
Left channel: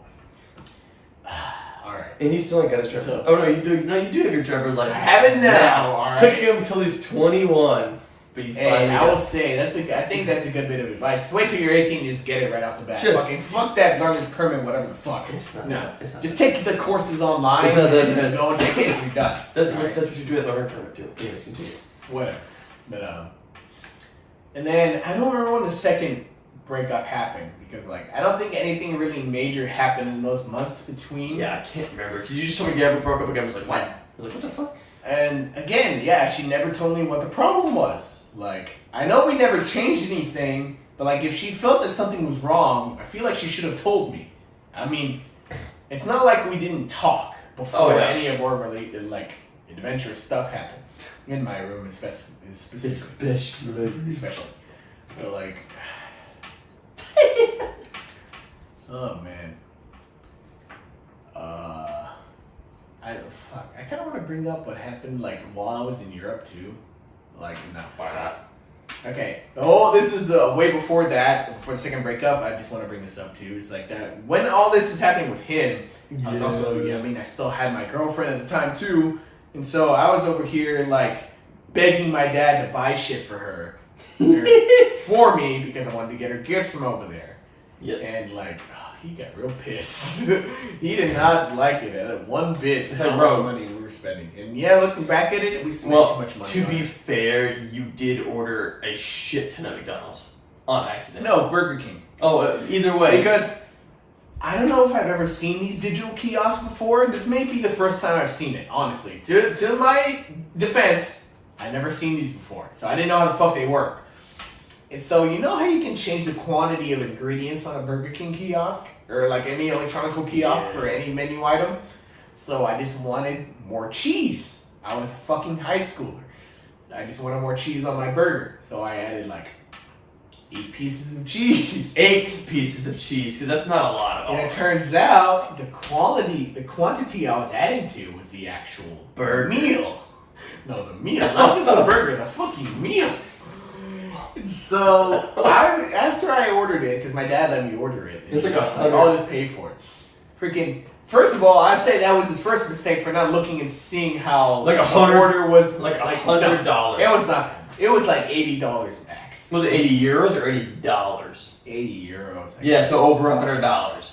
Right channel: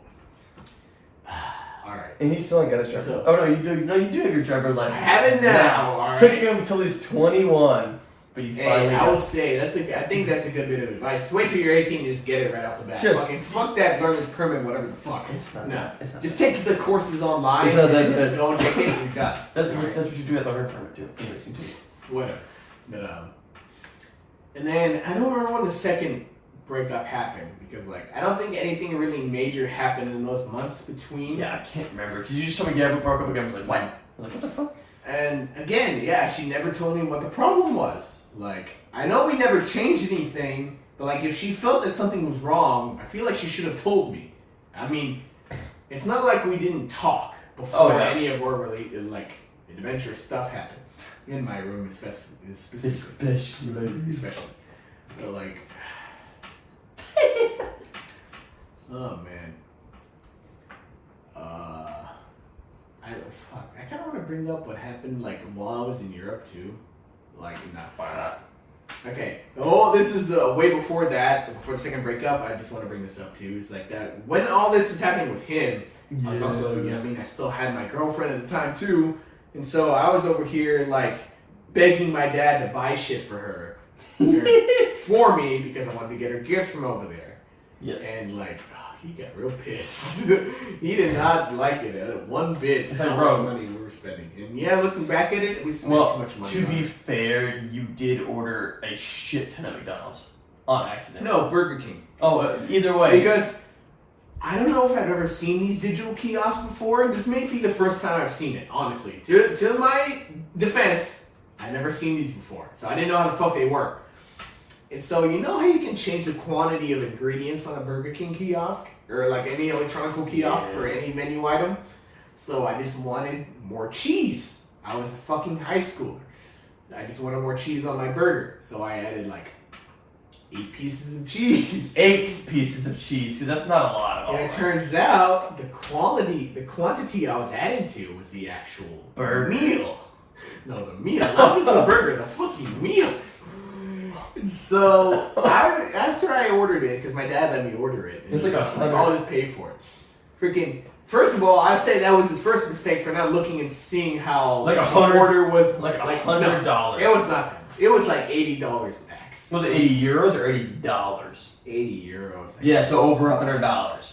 alright. And he still ain't got his driver's. So- Oh no, you do. No, you do have your driver's license. I have it now, alright. Took him until he's 21, but he Hey, finally I got. will say, I think that's a good bit of advice. Just wait till you're 18 and just get it right off the bat. Just- Fucking fuck that learner's permit, whatever the fuck. It's not No. that- it's not Just take the courses online It's not that and just bad. go and take it and you're done. Alright? That's what you do at the learning permit too. Anyways, continue. Whatever. But and then I don't remember when the second breakup happened because like I don't think anything really major happened in those months between. Yeah, I can't remember because you just told me yeah, we broke up again. I was like, what? I was like, what the fuck? And again, yeah, she never told me what the problem was. Like I know we never changed anything, but like if she felt that something was wrong, I feel like she should have told me. I mean, it's not like we didn't talk before any of our really like adventurous stuff happened. In my room, specifically. Especially. But like, oh man. I kind of want to bring up what happened like while I was in Europe too. Like, not. Why not? Okay. Oh, this is way before that, before the second breakup. I just want to bring this up too. It's like that when all this was happening with him, I was also, I still had my girlfriend at the time too, and so I was over here like begging my dad to buy shit for her, for me because I wanted to get her gifts from over there. Yes. And like, he got real pissed. He did not like it at one bit. It's How like, much bro. money we were spending, and yeah, looking back at it, we spent too much money. To on be it. fair, you did order a shit ton of McDonald's on accident. No, Burger King. Oh, either way. Because I don't know if I've ever seen these digital kiosks before. This may be the first time I've seen it, honestly. To my defense, I've never seen these before. So I didn't know how the fuck they work. And so you know how you can change the quantity of ingredients on a Burger King kiosk? Or like any electronic kiosk for any menu item? So I just wanted more cheese. I was a fucking high schooler. I just wanted more cheese on my burger. So I added like 8 pieces of cheese. 8 pieces of cheese, because that's not a lot at all. And it turns out the quantity I was adding to was the actual Burger. meal. No, the meal, not just the burger, the fucking meal. And so after I ordered it, because my dad let me order it, It's like I'll just pay for it. Freaking. First of all, I say that was his first mistake for not looking and seeing how Like the $100 order was like $100. $100. It was not. It was like $80 max. Was it 80 euros or $80? 80 euros. I Yeah, guess. so over $100.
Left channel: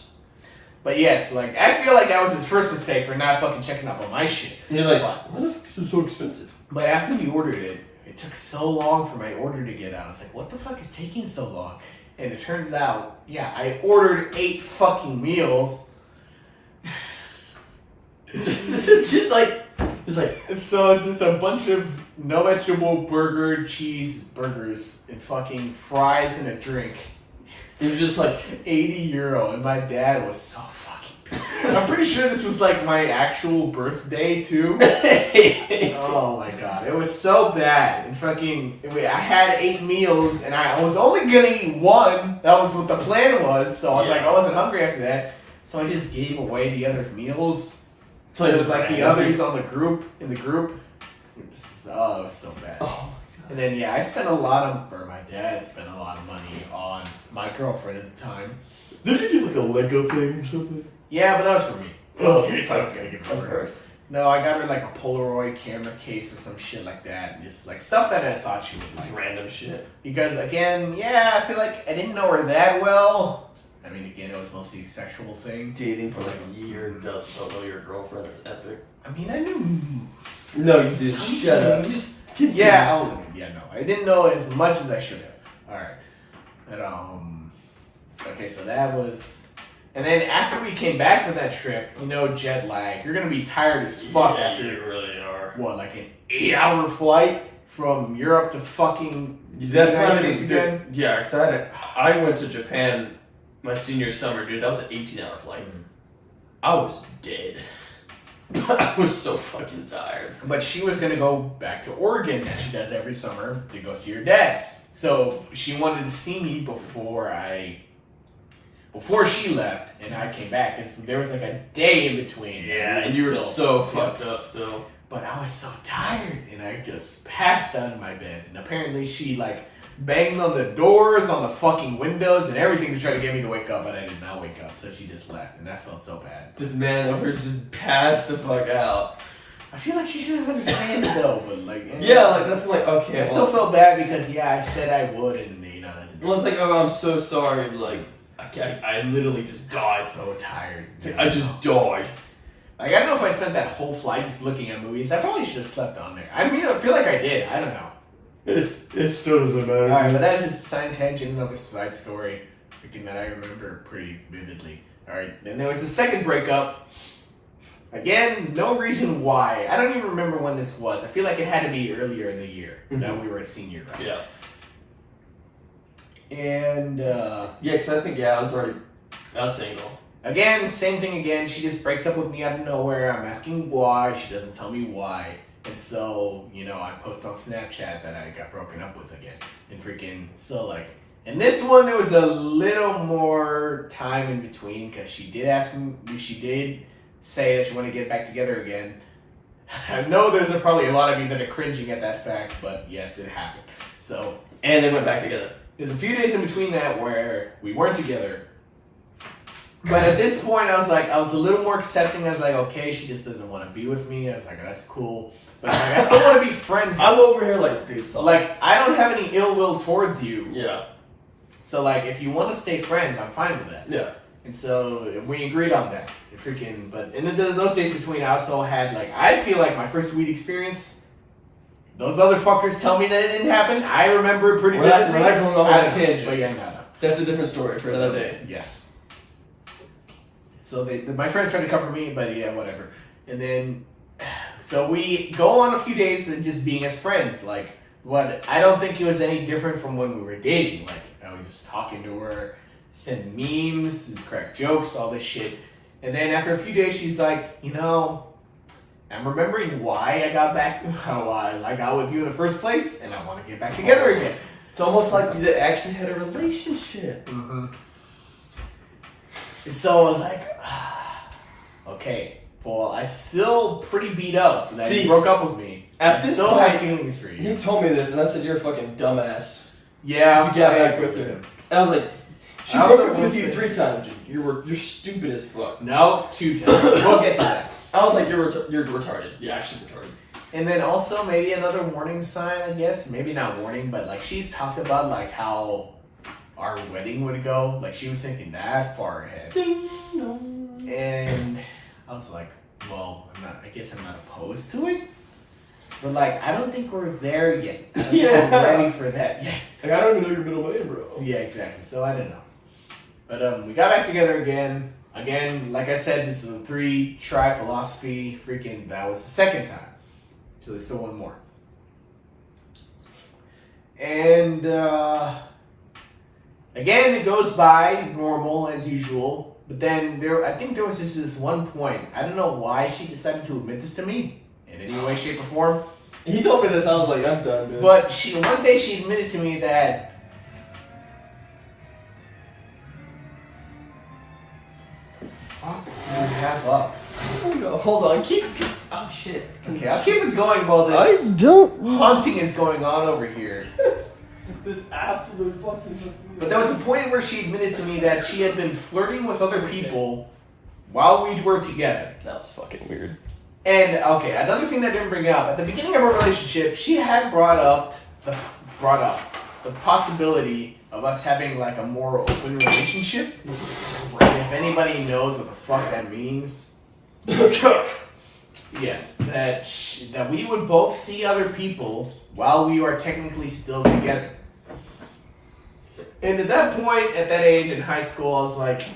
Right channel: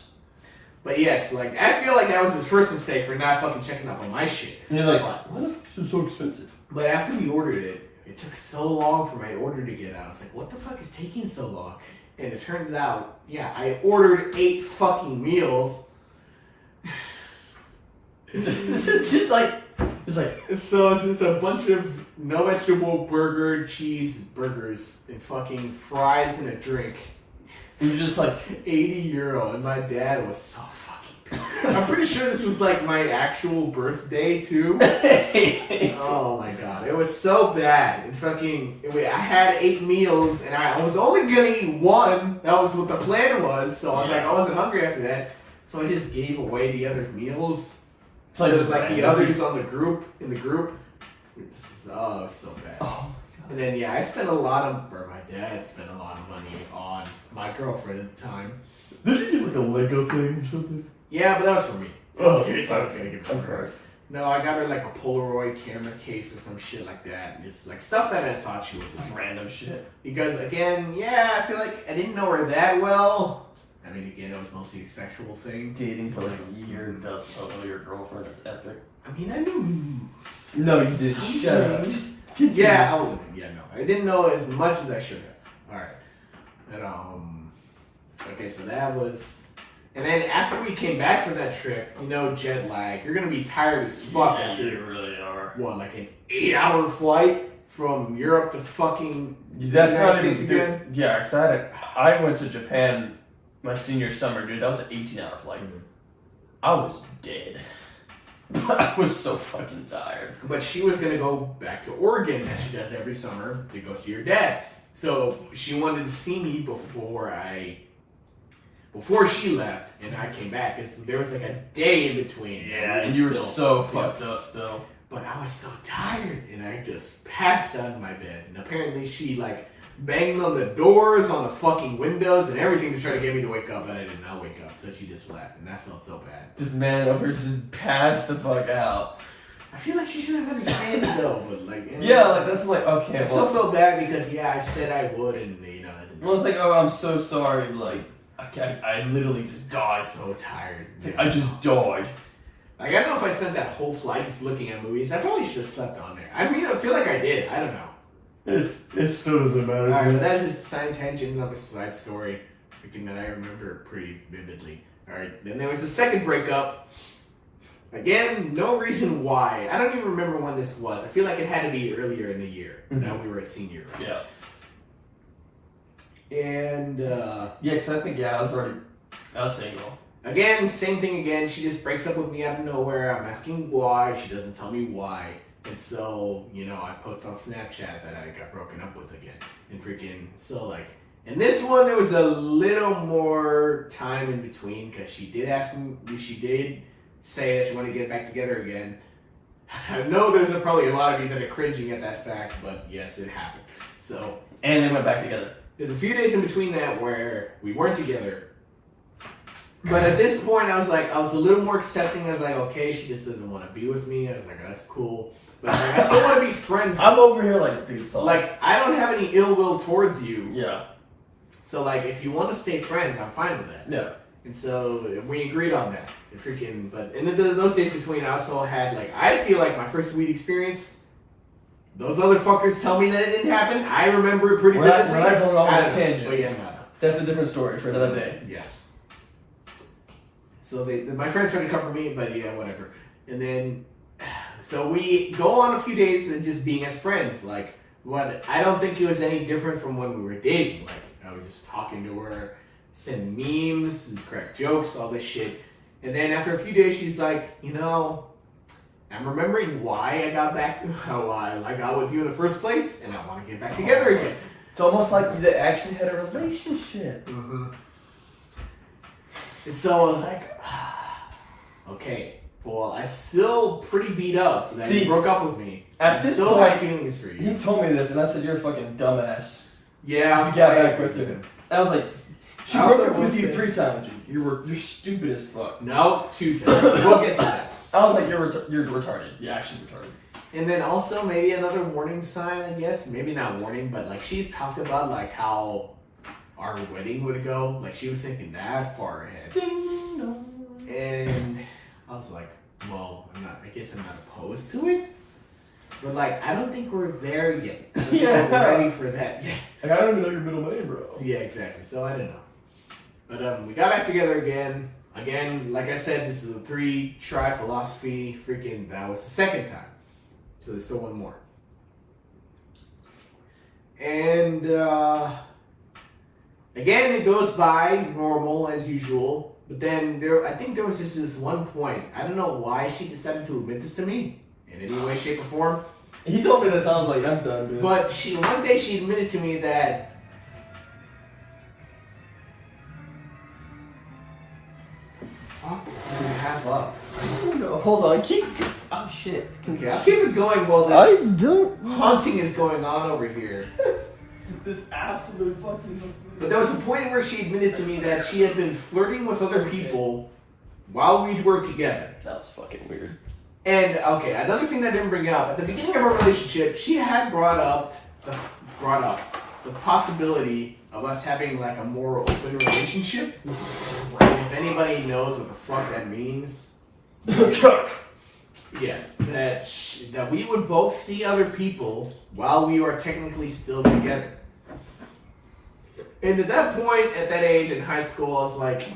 But yes, like I feel like that was his first mistake for not fucking checking up on my shit. And you're like, why the fuck is this so expensive? But after we ordered it, it took so long for my order to get out. It's like, what the fuck is taking so long? And it turns out, yeah, I ordered 8 fucking meals. It's just like, So it's just a bunch of no vegetable burger, cheese burgers, and fucking fries and a drink. you're just like, €80, and my dad was so fucking pissed. I'm pretty sure this was like my actual birthday too. Oh my god, it was so bad. And fucking, I had 8 meals, and I was only gonna eat 1. That was what the plan was. So I was like, I wasn't hungry after that. So I just gave away the other meals. it's like, Like the others on the group, in the group. Oh, it was so bad. oh my god. And then, I spent my dad spent a lot of money on my girlfriend at the time. Did you get like a Lego thing or something? Yeah, but that was for me. Oh, If I was gonna give it to of her. course. No, I got her like a Polaroid camera case or some shit like that. And just like stuff that I thought she would Just like. random shit. Because again, I feel like I didn't know her that well. I mean, again, it was mostly a sexual thing. Dating So, for like a year, don't know your girlfriend, that's epic. I mean, I knew. No, you did. Shut up. Something. Continue. Yeah, no. I didn't know as much as I should have. Alright. And, okay, so that was... And then after we came back from that trip, jet lag, you're gonna be tired as fuck after... you really are. What, like an 8-hour flight from Europe to fucking... That's United not States even again? good. Yeah, because I went to Japan my senior summer, dude. That was an 18-hour flight. I was dead. I was so fucking tired. But she was gonna go back to Oregon, as she does every summer, to go see her dad. So she wanted to see me before she left and I came back. There was like a day in between. Yeah, and you were so fucked up still. But I was so tired, and I just passed out in my bed. And apparently she like banged on the doors, on the fucking windows, and everything to try to get me to wake up, but I did not wake up. So she just left, and that felt so bad. This man over here just passed the fuck out. I feel like she should have understood though, but like Yeah, like that's like okay. I still felt bad because I said I would, and that didn't. Well, it's like oh, I'm so sorry. Like I literally just I died. was so tired. It's like, I just died. Like I don't know if I spent that whole flight just looking at movies. I probably should have slept on there. I mean, I feel like I did. I don't know. It still doesn't matter. Alright, but that's just side tangent, another side story. Freaking that I remember pretty vividly. Alright, then there was the second breakup. Again, no reason why. I don't even remember when this was. I feel like it had to be earlier in the year that we were a senior, right? Yeah. And, Yeah, because I think, I was single. again, same thing again. She just breaks up with me out of nowhere. I'm asking why. She doesn't tell me why. And so, I post on Snapchat that I got broken up with again. And freaking, so like, and this one, there was a little more time in between because she did say that she wanted to get back together again. I know there's probably a lot of you that are cringing at that fact, but yes, it happened. So, And they went back together. there's a few days in between that where we weren't together. But at this point, I was a little more accepting. I was like, okay, she just doesn't want to be with me. I was like, that's cool. But like, I still want to be friends. I'm over here like, dude, stop. Like, I don't have any ill will towards you. Yeah. So, like, if you want to stay friends, I'm fine with that. Yeah. And so, we agreed on that. But in those days between, I also had, like, I feel like my first weed experience, those other fuckers tell me that it didn't happen. I remember it pretty vividly. We're not going off I on a don't know, tangent. But yeah, no. That's a different story for another day. Yes. So my friends tried to cover me, but yeah, whatever. And then, so we go on a few days and just being as friends. Like, I don't think it was any different from when we were dating. Like, I was just talking to her, sending memes, and crack jokes, all this shit. And then after a few days, she's like, I'm remembering why I got back, how I got with you in the first place, and I want to get back together again. It's almost like you actually had a relationship. Mm-hmm. And so I was like, okay, well, I still pretty beat up that you broke up with me. At I this still point, have feelings for you. He told me this, and I said, you're a fucking dumbass. Yeah, You got I back agree with her. I was like, she I broke also up with will you say- 3 times, dude. You're stupid as fuck. No, 2 times. We'll get to that. I was like, you're retarded. You're actually retarded. And then also maybe another warning sign, I guess. Maybe not warning, but like she's talked about like how our wedding would go. Like she was thinking that far ahead. Ding dong. And I was like, well, I guess I'm not opposed to it. But like, I don't think we're there yet. I don't Yeah. think we're ready for that yet. Like, I don't even know your middle name, bro. Yeah, exactly. So I don't know. But we got back together again. Again, like I said, this is a 3-try philosophy. Freaking, that was the second time. So there's still one more. And again, it goes by normal as usual. But then I think there was just this one point. I don't know why she decided to admit this to me in any way, shape, or form. He told me this. I was like, I'm done, dude. But one day she admitted to me that. Fuck, you're half up. No, hold on. Keep. Oh shit. Okay, I'll keep it going while this don't. haunting is going on over here. This absolute fucking. But there was a point where she admitted to me that she had been flirting with other people while we were together. That was fucking weird. And okay, another thing that I didn't bring up at the beginning of our relationship, she had brought up the possibility of us having like a more open relationship. If anybody knows what the fuck that means, yes, that we would both see other people while we are technically still together. And at that point, at that age in high school, I was like,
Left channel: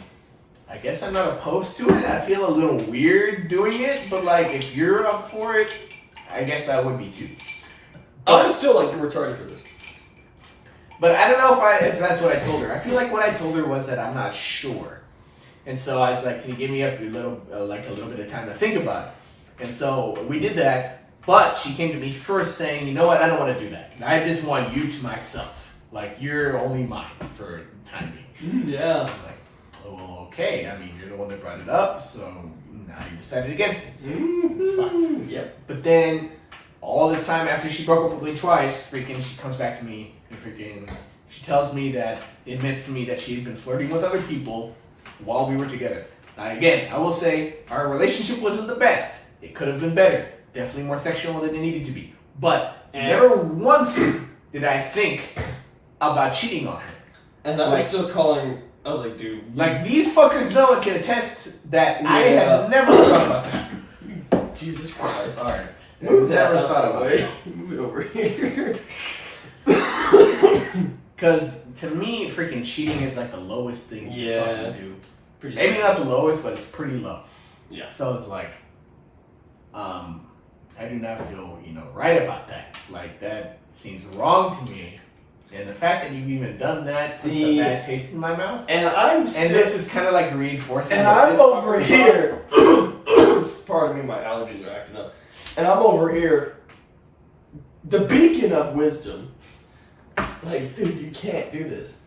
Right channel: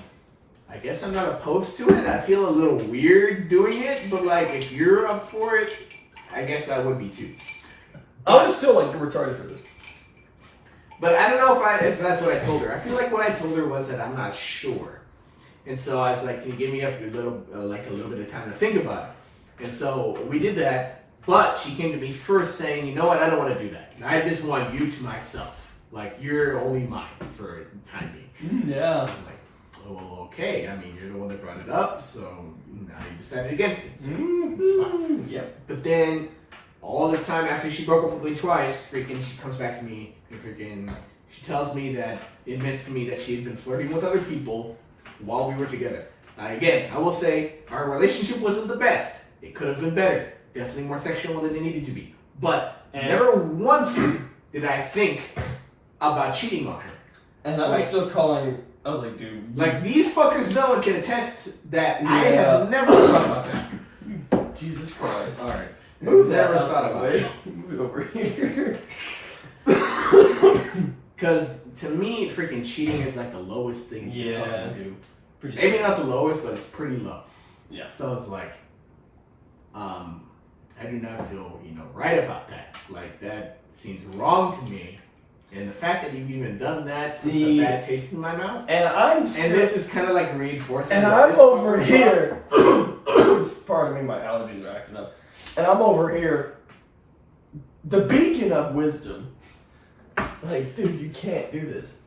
I guess I'm not opposed to it. I feel a little weird doing it, but like if you're up for it, I guess I would be too. I was still like, you're retarded for this. But I don't know if that's what I told her. I feel like what I told her was that I'm not sure. And so I was like, can you give me a little bit of time to think about it? And so we did that, but she came to me first saying, you know what, I don't want to do that. I just want you to myself. Like, you're only mine for the time being. Yeah. I was like, oh, well, okay. I mean, you're the one that brought it up, so now you decided against it. So it's fine. Yep. But then, all this time after she broke up with me twice, freaking, she comes back to me and freaking, she tells me that, admits to me that she had been flirting with other people while we were together. Now, again, I will say, our relationship wasn't the best. It could have been better. Definitely more sexual than it needed to be. But never once did I think about cheating on her. And I was still calling. I was like, dude. Like, these fuckers know and can attest that I had never thought about that. Jesus Christ. Alright. Move never that thought about it. Move it over here. Because to me, freaking cheating is like the lowest thing you can fucking do. Pretty Maybe not the lowest, but it's pretty low. Yeah. So it's like, I do not feel, right about that. Like, that seems wrong to me. And the fact that you've even done that puts a bad taste in my mouth. And I'm still, and this is kind of like reinforcing. And I'm over here. Pardon me, my allergies are acting up. And I'm over here, the beacon of wisdom. Like, dude, you can't do this.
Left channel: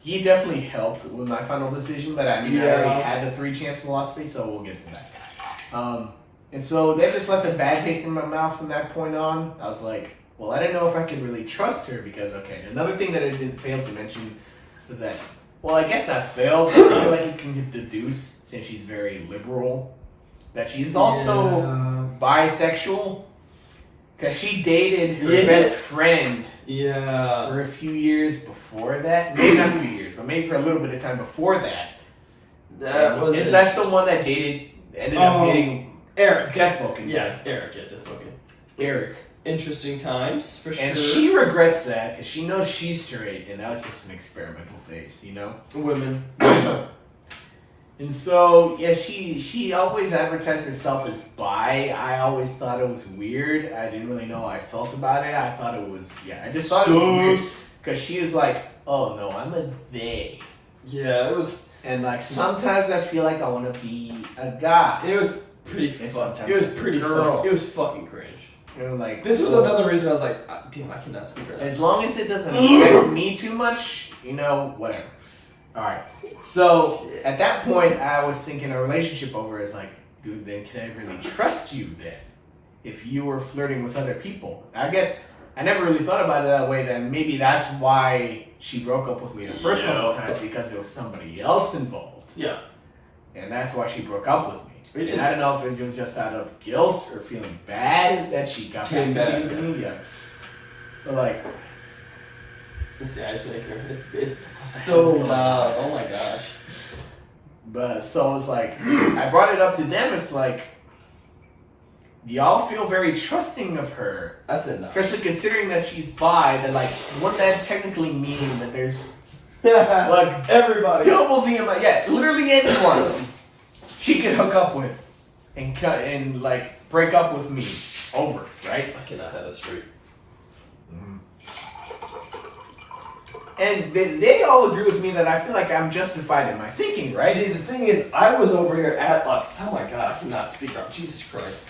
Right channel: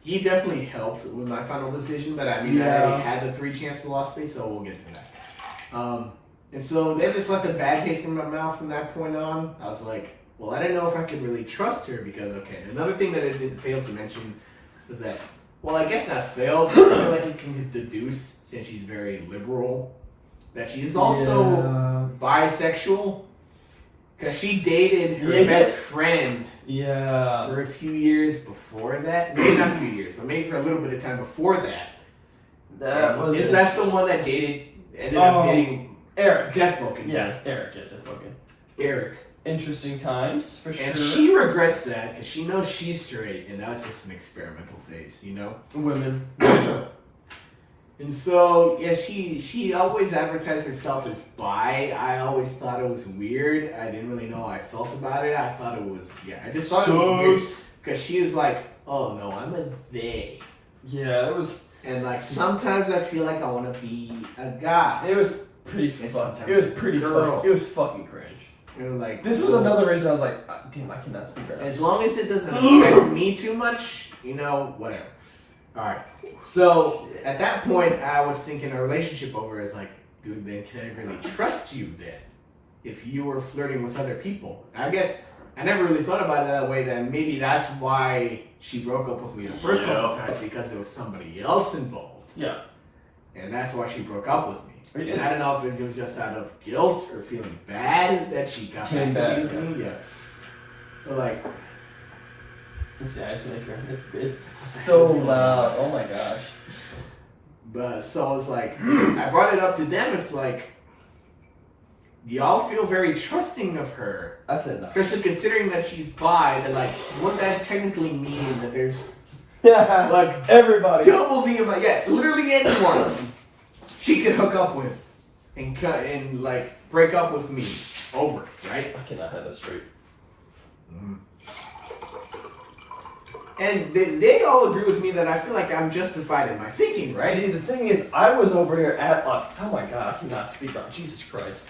He definitely helped with my final decision, but I mean, I already had the 3-chance philosophy, so we'll get to that. And so they just left a bad taste in my mouth from that point on. I was like, well, I didn't know if I could really trust her because, okay, another thing that I didn't fail to mention was that, well, I guess not failed, but I feel like you can deduce, since she's very liberal, that she's also bisexual. Because she dated her best friend for a few years before that. Maybe not a few years, but maybe for a little bit of time before that. That's the one that ended up getting Eric. Death Vulcan. Yes, Eric, yeah, Death Vulcan. Eric. Interesting times, for sure. And she regrets that because she knows she's straight, and that was just an experimental phase, Women. And so, yeah, she always advertised herself as bi. I always thought it was weird. I didn't really know how I felt about it. I thought it was, I just thought it was weird. Because she is like, oh no, I'm a they. Yeah, it was. And like, sometimes I feel like I want to be a guy. It was pretty fucking. It was pretty fucking. It was fucking cringe. And like, this was another reason I was like, damn, I cannot speak right now. As long as it doesn't affect me too much, whatever. Alright. So, at that point, I was thinking a relationship over is like, dude, then can I really trust you then? If you were flirting with other people. I guess I never really thought about it that way, then maybe that's why she broke up with me the first couple of times, because there was somebody else involved. Yeah. And that's why she broke up with me. And I don't know if it was just out of guilt or feeling bad that she got back to me. Yeah. But like, it's the ice maker. It's so loud. Oh my gosh. But so it's like, I brought it up to them. It's like, y'all feel very trusting of her. I said no. Especially considering that she's bi, that like, would that technically mean that there's like everybody double the amount? Yeah, literally anyone she could hook up with and like break up with me over, right? I cannot have that straight. And they all agree with me that I feel like I'm justified in my thinking, right? See, the thing is, I was over here at oh my god, I cannot speak up. Jesus Christ,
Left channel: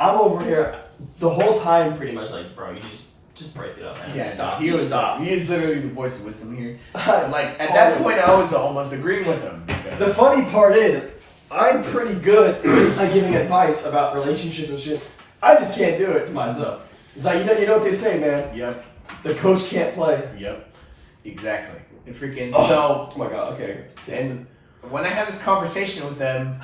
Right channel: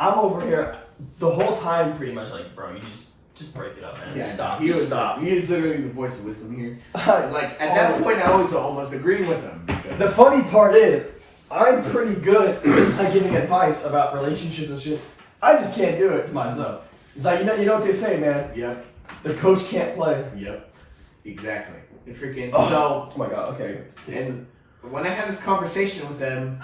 I'm over here the whole time, pretty much like, bro, you just break it up, man. Yeah, Stop. He Stop. is literally the voice of wisdom here. Like at that point, I was almost agreeing with him. The funny part is, I'm pretty good at giving advice about relationships and shit. I just can't do it to myself. It's like, you know what they say, man. Yep. The coach can't play. Yep. Exactly. And freaking Oh my god. Okay. And when I had this conversation with them,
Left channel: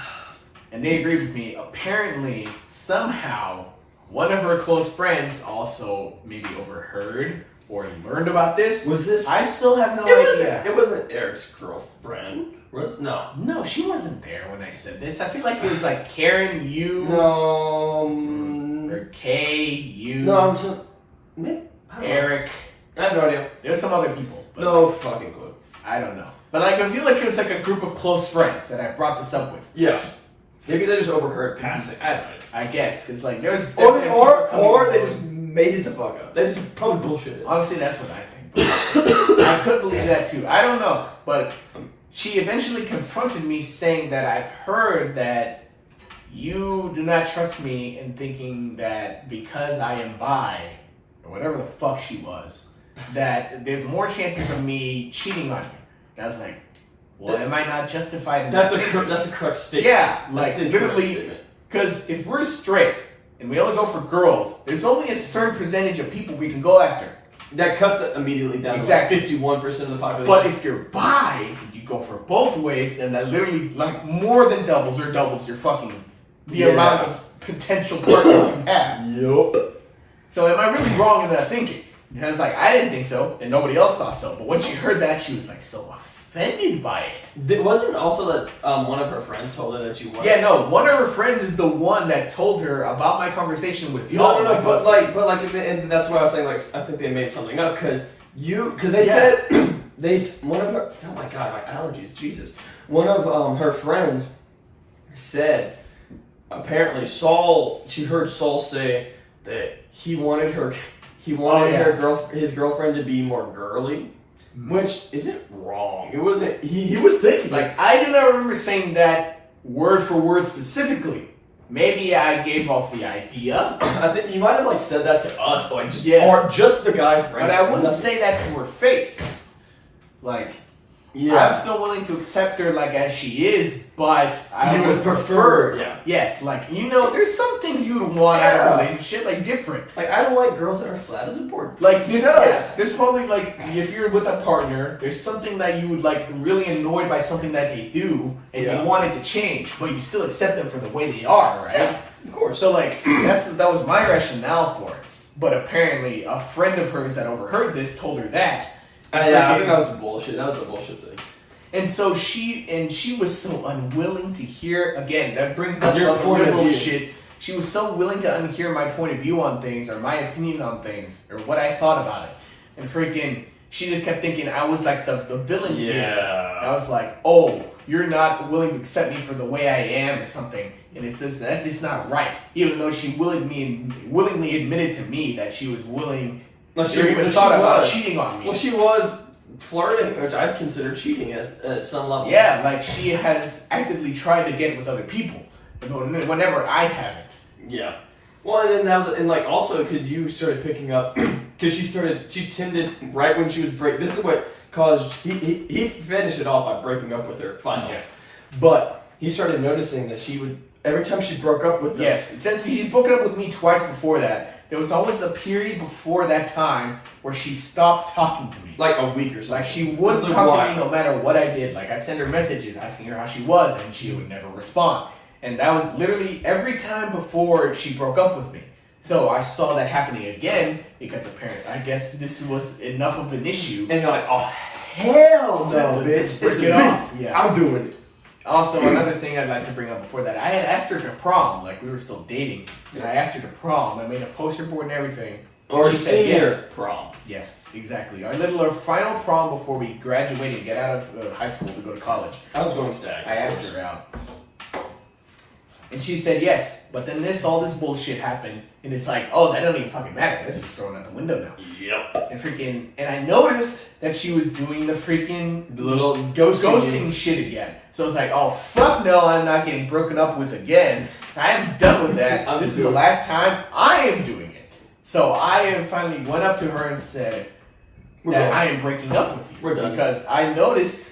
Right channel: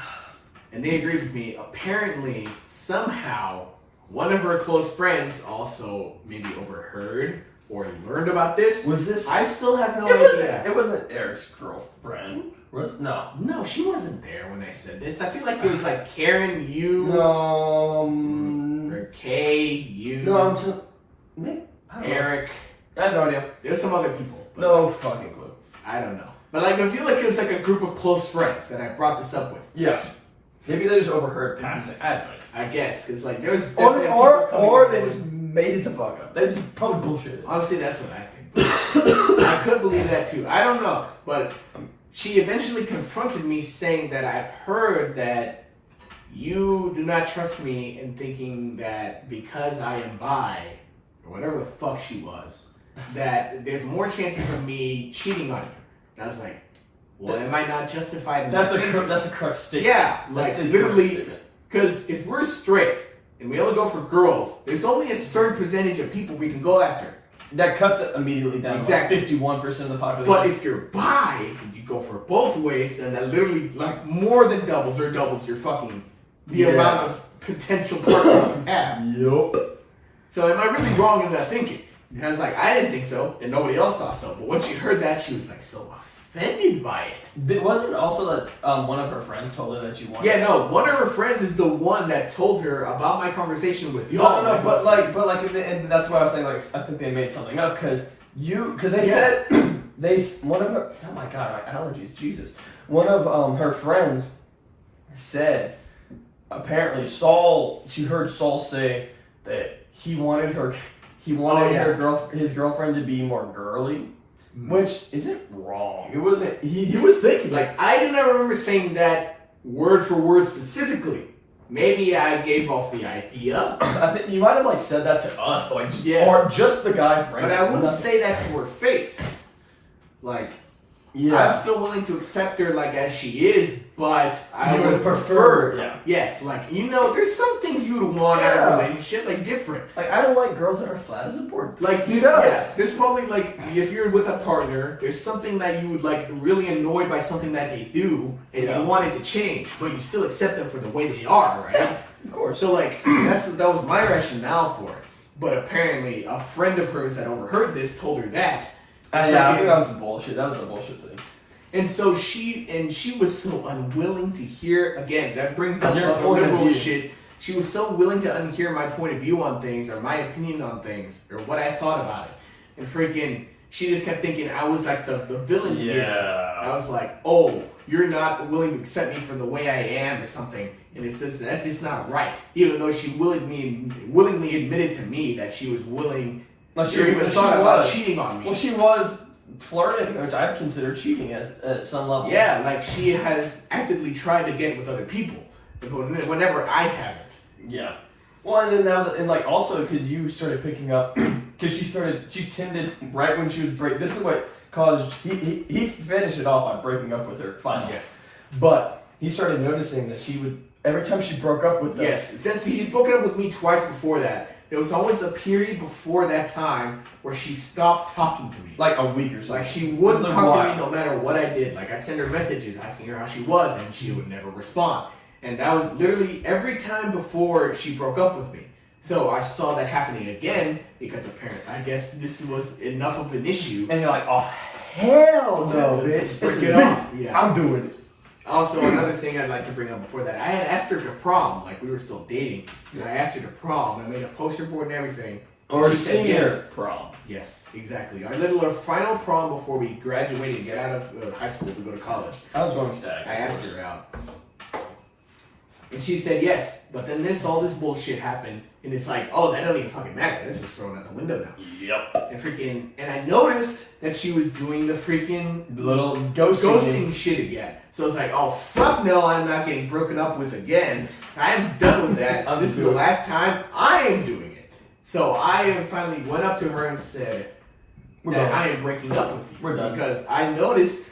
and they agreed with me, apparently somehow one of her close friends also maybe overheard or learned about this. Was this? I still have no idea. It wasn't Eric's girlfriend. No. No, she wasn't there when I said this. I feel like it was like Karen, you, No. or Kay, you, No, I'm just. I don't know. Eric. I have no idea. There's some other people. But No like, fucking clue. I don't know. But like, I feel like it was like a group of close friends that I brought this up with. Yeah. Maybe they just overheard passing. I don't know. I guess, because like there was Or definitely they just made it the fuck up. They just probably bullshitted. honestly, that's what I think. I could believe that too. I don't know, but she eventually confronted me saying that I've heard that you do not trust me in thinking that because I am bi, or whatever the fuck she was, that there's more chances of me cheating on you. And I was like, well, am I not justified in That's that thinking? that's a correct statement. Yeah, like That's a correct literally, statement. because if we're straight and we only go for girls, there's only a certain percentage of people we can go after. That cuts it immediately down Exactly. to like 51% of the population. But if you're bi, and you go for both ways, and that literally like more than doubles your fucking the amount of potential partners you have. Yup. So am I really wrong in that thinking? And I was like, I didn't think so, and nobody else thought so. But when she heard that, she was like so offended by it. Wasn't also that one of her friends told her that you wanted? Yeah, no. One of her friends is the one that told her about my conversation with you. No, but and that's why I was saying, like, I think they made something up because they said one of her. Oh my god, my allergies, Jesus. One of her friends said apparently she heard Saul say that he wanted his girlfriend to be more girly. Which isn't wrong. It wasn't. He was thinking like I do not remember saying that word for word specifically. Maybe I gave off the idea. I think you might have like said that to us, like or just the guy friend. But I wouldn't say that to her face. Like, I'm still willing to accept her like as she is, but I would have preferred. Yeah. Yes, like there's some things you would want out of a relationship, like different. Like I don't like girls that are flat as a board. Like there's probably like if you're with a partner, there's something that you would like really annoyed by something that they do, and you want it to change, but you still accept them for the way they are, right? Yeah, of course. So like that was my rationale for it. But apparently, a friend of hers that overheard this told her that. I think that was bullshit. That was a bullshit thing. And so she was so unwilling to hear, again, that brings up your like point liberal of view. shit. She was so willing to unhear my point of view on things, or my opinion on things, or what I thought about it. And freaking, she just kept thinking I was like the villain here. I was like, oh, you're not willing to accept me for the way I am or something. And it says that's just not right. Even though she willingly admitted to me that she was willing, she even thought about cheating on me. Well, she was flirting, which I'd consider cheating at some level. Yeah, like she has actively tried to get with other people, whenever I haven't. Yeah. Well, and then that was, and like also because you started picking up, because she tended right when she was This is what caused he finished it off by breaking up with her finally. Yes. But he started noticing that she would every time she broke up with them. Yes, since she's broken up with me twice before that. There was always a period before that time where she stopped talking to me. Like a week or something. Like she wouldn't talk to me no matter what I did. Like I'd send her messages asking her how she was, and she would never respond. And that was literally every time before she broke up with me. So I saw that happening again because apparently, I guess this was enough of an issue. And you're like, oh hell no, bitch! Break it off. Yeah. I'm doing it. Also, another thing I'd like to bring up before that, I had asked her to prom, like we were still dating, and I asked her to prom. I made a poster board and everything. Or she said senior yes. prom. Yes, exactly. Our final prom before we graduated and get out of high school to go to college. I was going stag. I asked her out. And she said yes, but then all this bullshit happened, and it's like, oh, that don't even fucking matter. That's just thrown out the window now. Yep. And I noticed that she was doing the little ghosting shit again. So I was like, oh, fuck no, I'm not getting broken up with again. I am done with that. This is the last time I am doing it. So I finally went up to her and said that I am breaking up with you. We're done. Because I noticed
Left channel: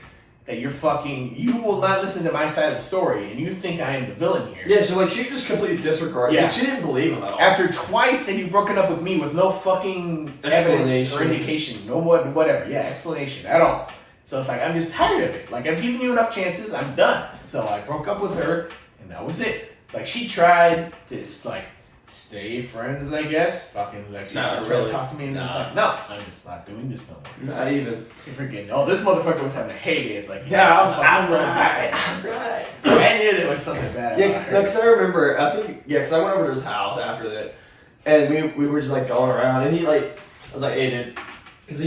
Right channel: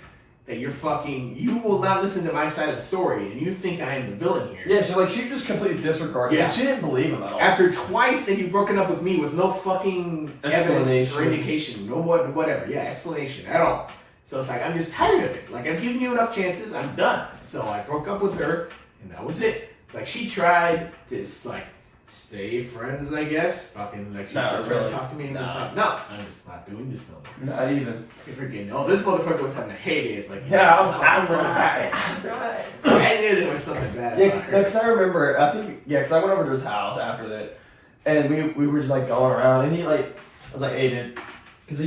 that you will not listen to my side of the story, and you think I am the villain here. Yeah, so like she just completely disregarded. Yeah. Like, she didn't believe him at all. After twice that you've broken up with me with no fucking evidence or indication, no whatever, explanation at all. So it's like, I'm just tired of it. Like, I've given you enough chances, I'm done. So I broke up with her, and that was it. Like, she tried to, like, stay friends, I guess. Fucking, like, she started trying to talk to me, and it's like, no, I'm just not doing this no more. Not even. Freaking, oh, this motherfucker was having a heyday. It's like, I'm right. So I knew there was something bad about her. No, because I remember, because I went over to his house after that, and we were just, like, going around, and I was like, hey, dude, because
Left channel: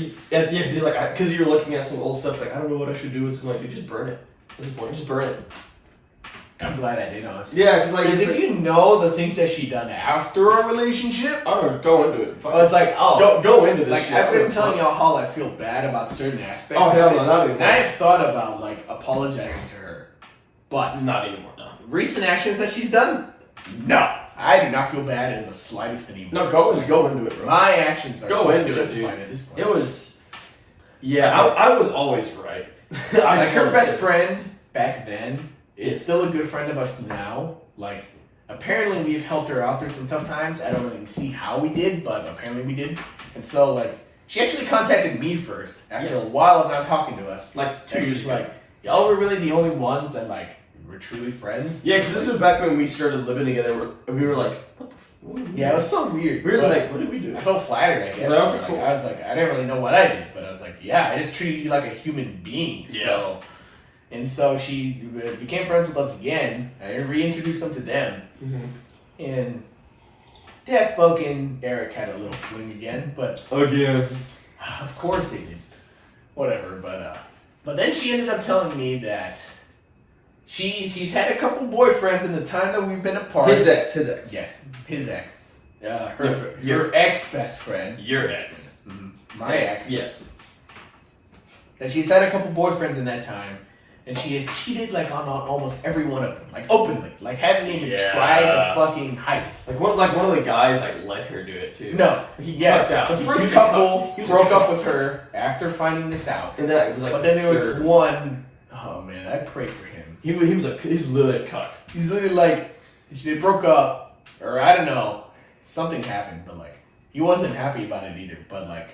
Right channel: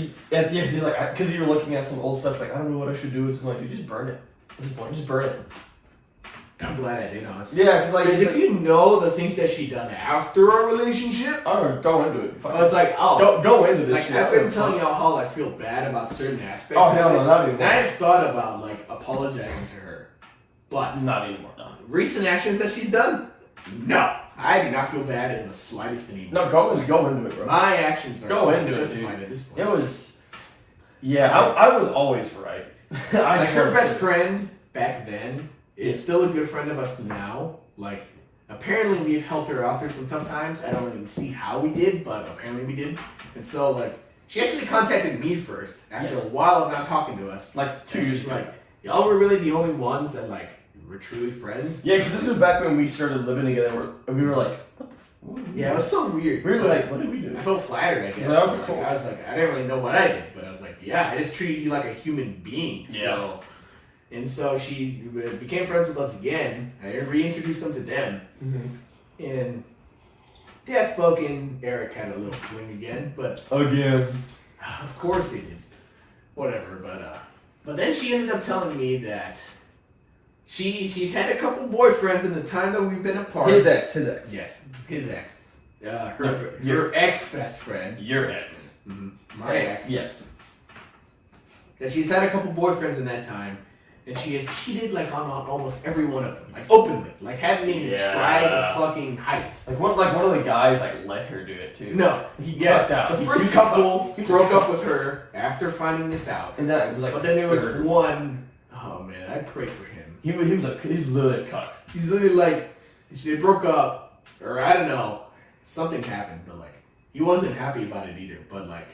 you were looking at some old stuff, like, I don't know what I should do with it. I'm like, dude, just burn it. At this point, just burn it. I'm glad I did, honestly. Yeah, because if you know the things that she done after a relationship, I don't know, go into it. It's like, go into this. Like, shit. I've been telling y'all how I feel bad about certain aspects. Oh hell no, not anymore. And I have thought about like apologizing to her, but not anymore. No. Recent actions that she's done, no, I do not feel bad in the slightest anymore. No, go into it, bro. My actions are justified at this point. It was, I was always right. Like her best friend back then is still a good friend of us now. Like, apparently we've helped her out through some tough times. I don't really see how we did, but apparently we did. And so, like, she actually contacted me first after a while of not talking to us. Like 2 years ago. Like, y'all were really the only ones that, like, were truly friends. Yeah, because this was back when we started living together. We were like, what yeah, it was so weird. We were like, what did we do? I felt flattered, I guess. Like, cool. I was like, I didn't really know what I did, but I was like, yeah, I just treated you like a human being. Yeah. So she became friends with us again. I reintroduced them to them. Mm-hmm. And Death Boke and Eric had a little fling again, but... Again. Of course they did. Whatever, but then she ended up telling me that she's had a couple boyfriends in the time that we've been apart. His ex. Yes, his ex. Her ex-best friend. Your ex. Mm-hmm. My ex. Yes. That she's had a couple boyfriends in that time. And she has cheated like on almost every one of them, like openly, like haven't even tried to fucking hide it. Like one of the guys like let her do it too. No, he cucked out. The first couple broke up with her after finding this out, and that was like. But then there was one. Oh man, I pray for him. He was literally a cuck. He's literally like they broke up, or I don't know, something happened, but like he wasn't happy about it either. But like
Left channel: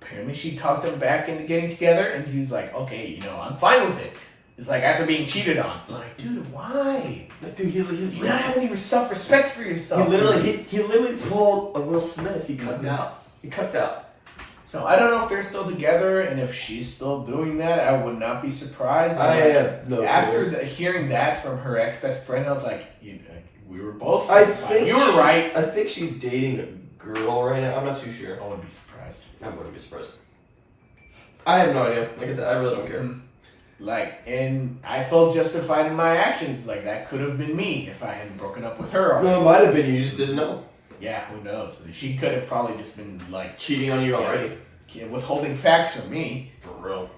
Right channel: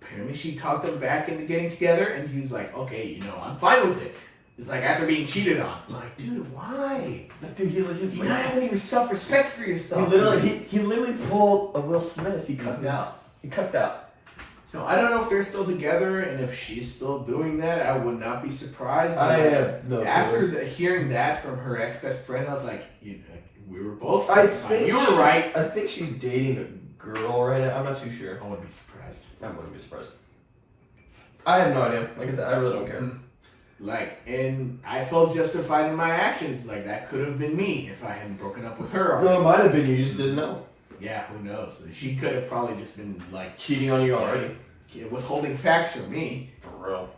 apparently she talked him back into getting together, and he was like, okay, I'm fine with it. It's like after being cheated on. I'm like, dude, why? Like, dude, you don't have any self-respect for yourself. He literally pulled a Will Smith. He cucked out. So I don't know if they're still together, and if she's still doing that, I would not be surprised. After hearing that from her ex-best friend, I was like, we were both. I think you were right. I think she's dating a girl right now. I'm not too sure. I wouldn't be surprised. I have no idea. Like I said, I really don't care. Like, and I felt justified in my actions. Like, that could have been me if I hadn't broken up with her. Well, it might have been you just didn't know. Yeah, who knows? She could have probably just been, like... cheating on you already. Withholding facts from me. For real.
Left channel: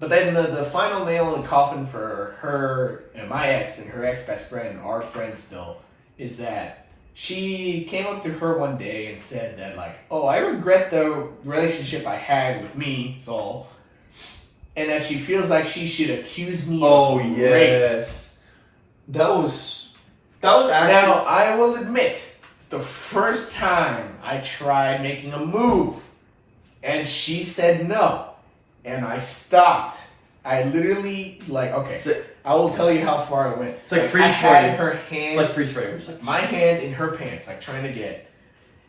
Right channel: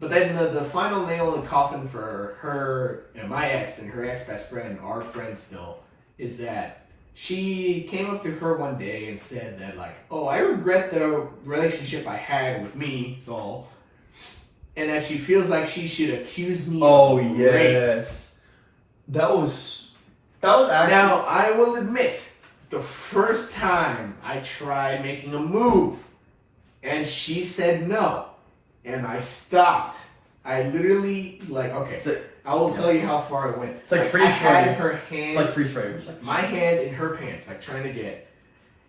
But then the final nail in the coffin for her and my ex and her ex-best friend, our friend still, is that she came up to her one day and said that, like, oh, I regret the relationship I had with me, Saul. And that she feels like she should accuse me of rape. That was actually... Now, I will admit, the first time I tried making a move, and she said no, and I stopped. I literally, I will tell you how far I went. It's like freeze frame. I had her hand... It's like freeze frame. My hand in her pants, like trying to get...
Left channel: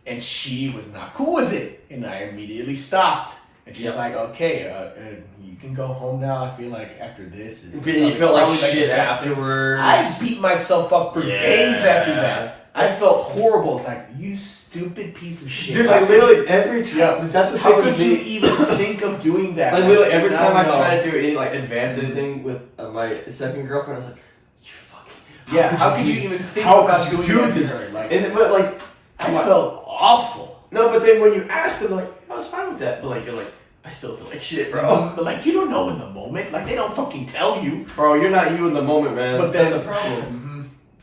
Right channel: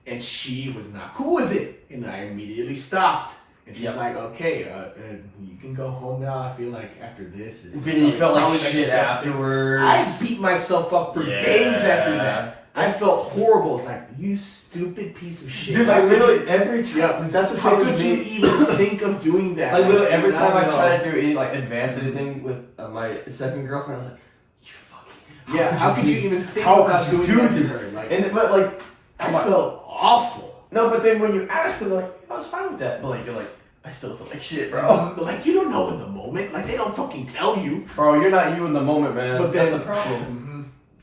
And she was not cool with it, and I immediately stopped. And she's like, okay, you can go home now. I feel like after this is... You felt like probably shit the best thing. afterwards. I beat myself up for days after that. I felt horrible. It's like, you stupid piece of shit. Dude, like literally every time. Yeah, that's the same how could with you me. even think of doing that? Like literally every time I try to do any like advance anything with my second girlfriend, I was like, you fucking. How could you even think how about could you doing do that this? to her? Like, But like, I felt awful. no, but then when you asked them, like, I was fine with that. But like, you're like, I still feel like shit, bro. But like, you don't know in the moment. Like, they don't fucking tell you. Bro, you're not you in the moment, man. But then that's the problem.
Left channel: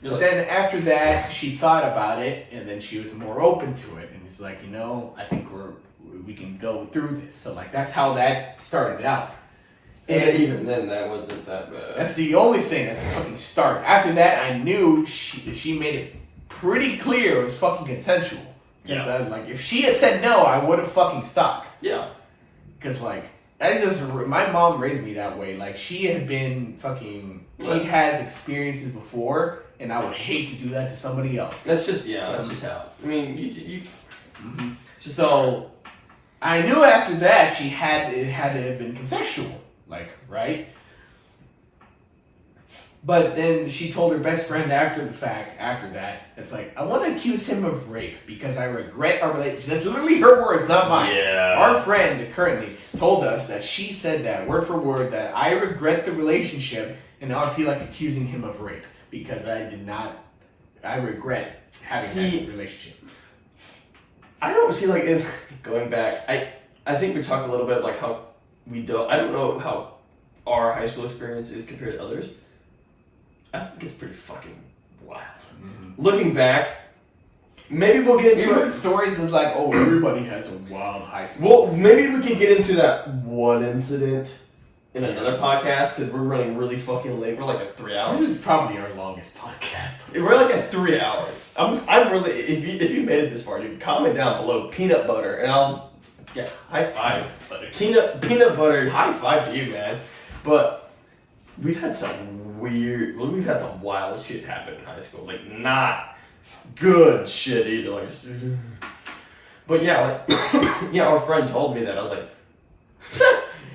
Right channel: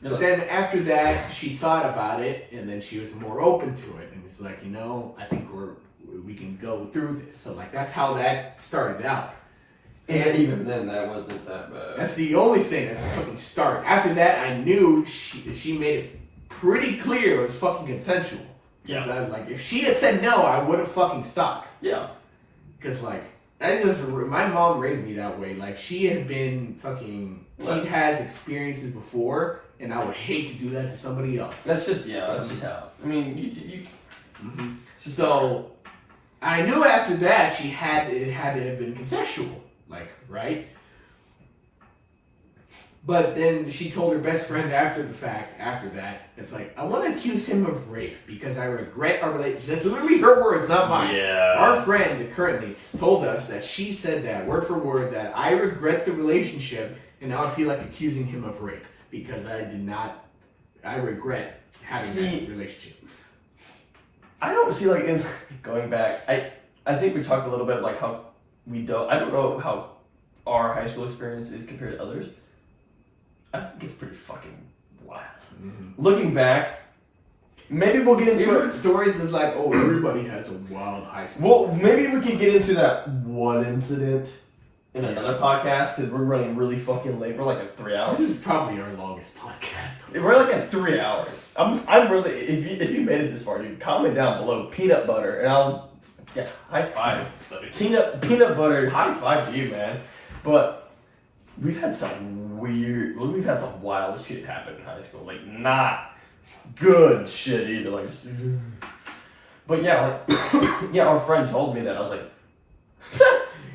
But like, then after that, she thought about it, and then she was more open to it, and was like, I think we can go through this. So like, that's how that started out. And even then, that wasn't that bad. That's the only thing. That's the fucking start. After that, I knew she made it pretty clear it was fucking consensual. Yeah. Like, if she had said no, I would have fucking stopped. Yeah. Because like, my mom raised me that way. Like, she had been fucking. She has experiences before. And I would hate to do that to somebody else. That's just how. I mean, you So I knew after that it had to have been consensual, like, right? But then she told her best friend after that, it's like, I want to accuse him of rape because I regret our relationship. That's literally her words, not mine. Yeah. Our friend currently told us that she said that, word for word, that I regret the relationship and now I feel like accusing him of rape. Because I regret having that relationship. I don't see like going back. I think we talked a little bit like how I don't know how our high school experience is compared to others. I think it's pretty fucking wild. Mm-hmm. Looking back, maybe we'll get into it. Stories is like, oh, everybody has a wild high school. Well, maybe we can get into that one incident in another podcast because we're running really fucking late. We're like at 3 hours. This is probably our longest podcast. We're like at 3 hours. I'm really if you made it this far, dude, comment down below peanut butter and I'll high five. Peanut butter, high five to you, man. But we've had some wild shit happen in high school. Like not good shit either. Like, but yeah, like our friend told me that. I was like.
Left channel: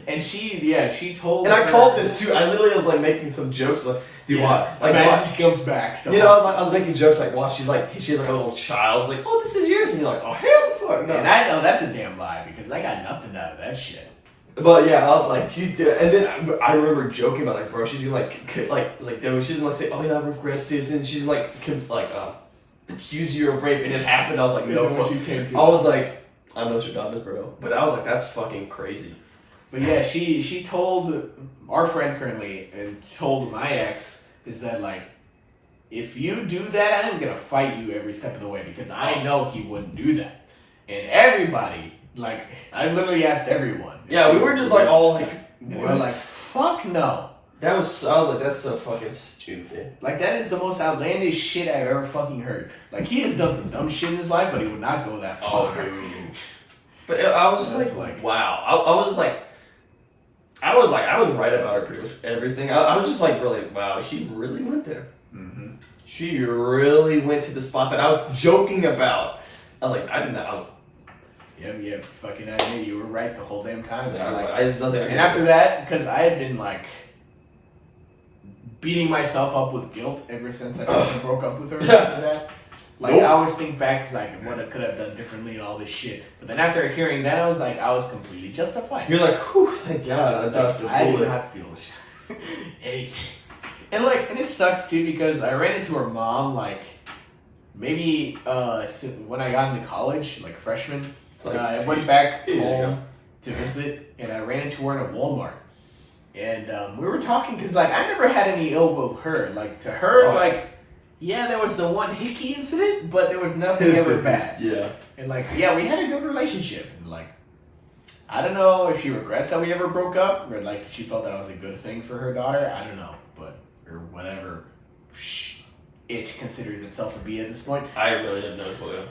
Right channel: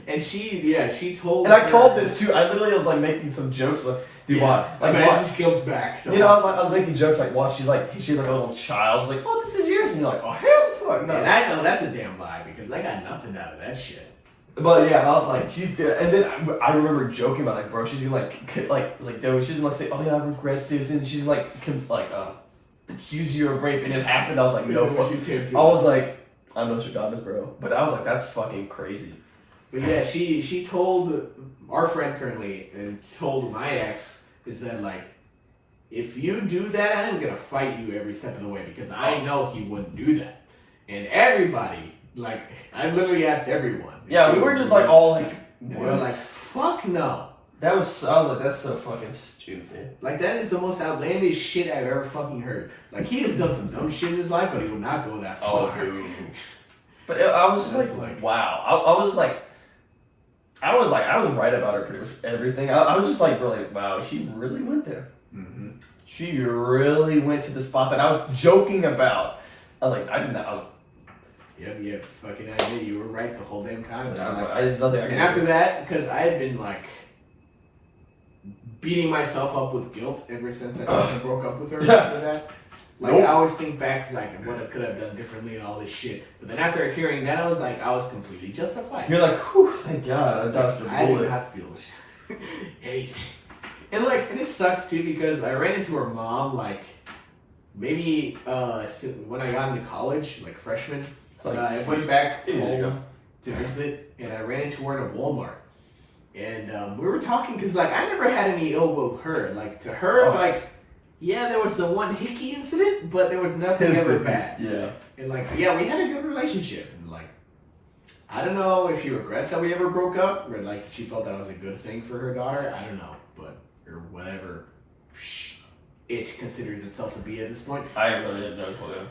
And she told. And I called this too. I literally was like making some jokes like, dude, what? Like, imagine she comes back. You know, I was making jokes like, what? She's like a little child. I was like, oh, this is yours, and you're like, oh, hell, fuck no. And I know that's a damn lie because I got nothing out of that shit. But yeah, I was like, she's dead. And then I remember joking about like, bro, she's gonna she's gonna say, oh yeah, I regret this, and she's like accuse you of rape, and it happened. I was like, no, fuck. I was like, I'm Nostradamus, bro. But I was like, that's fucking crazy. But yeah, she told our friend currently and told my ex is that like, if you do that, I'm gonna fight you every step of the way because I know he wouldn't do that. And everybody, like, I literally asked everyone. Yeah, we were just like all like, what? We were like, fuck no. I was like, that's so fucking stupid. Like, that is the most outlandish shit I've ever fucking heard. Like, he has done some dumb shit in his life, but he would not go that far. Oh, but I was just like, wow. I was right about her pretty much everything. I was just like, really, wow, she really went there. Mm-hmm. She really went to the spot that I was joking about. I was like, I did not. Yeah, fucking idea. You were right the whole damn time. I was like, there's nothing I can do. And after that, because I had been like beating myself up with guilt ever since I fucking broke up with her after that. Like, I always think back to like what I could have done differently and all this shit. But then after hearing that, I was like, I was completely justified. You're like, whew, thank God, I dodged a bullet. I did not feel anything. And it sucks too because I ran into her mom like maybe when I got into college, like freshman. Like, I went back home to visit, and I ran into her in a Walmart. And we were talking because like I never had any ill will with her. Like to her, like. Yeah, there was the one hickey incident, but there was nothing ever bad. Yeah. And like, yeah, we had a good relationship. And like, I don't know if she regrets that we ever broke up, or like she felt that was a good thing for her daughter. I don't know, but or whatever it considers itself to be at this point. I really have no clue.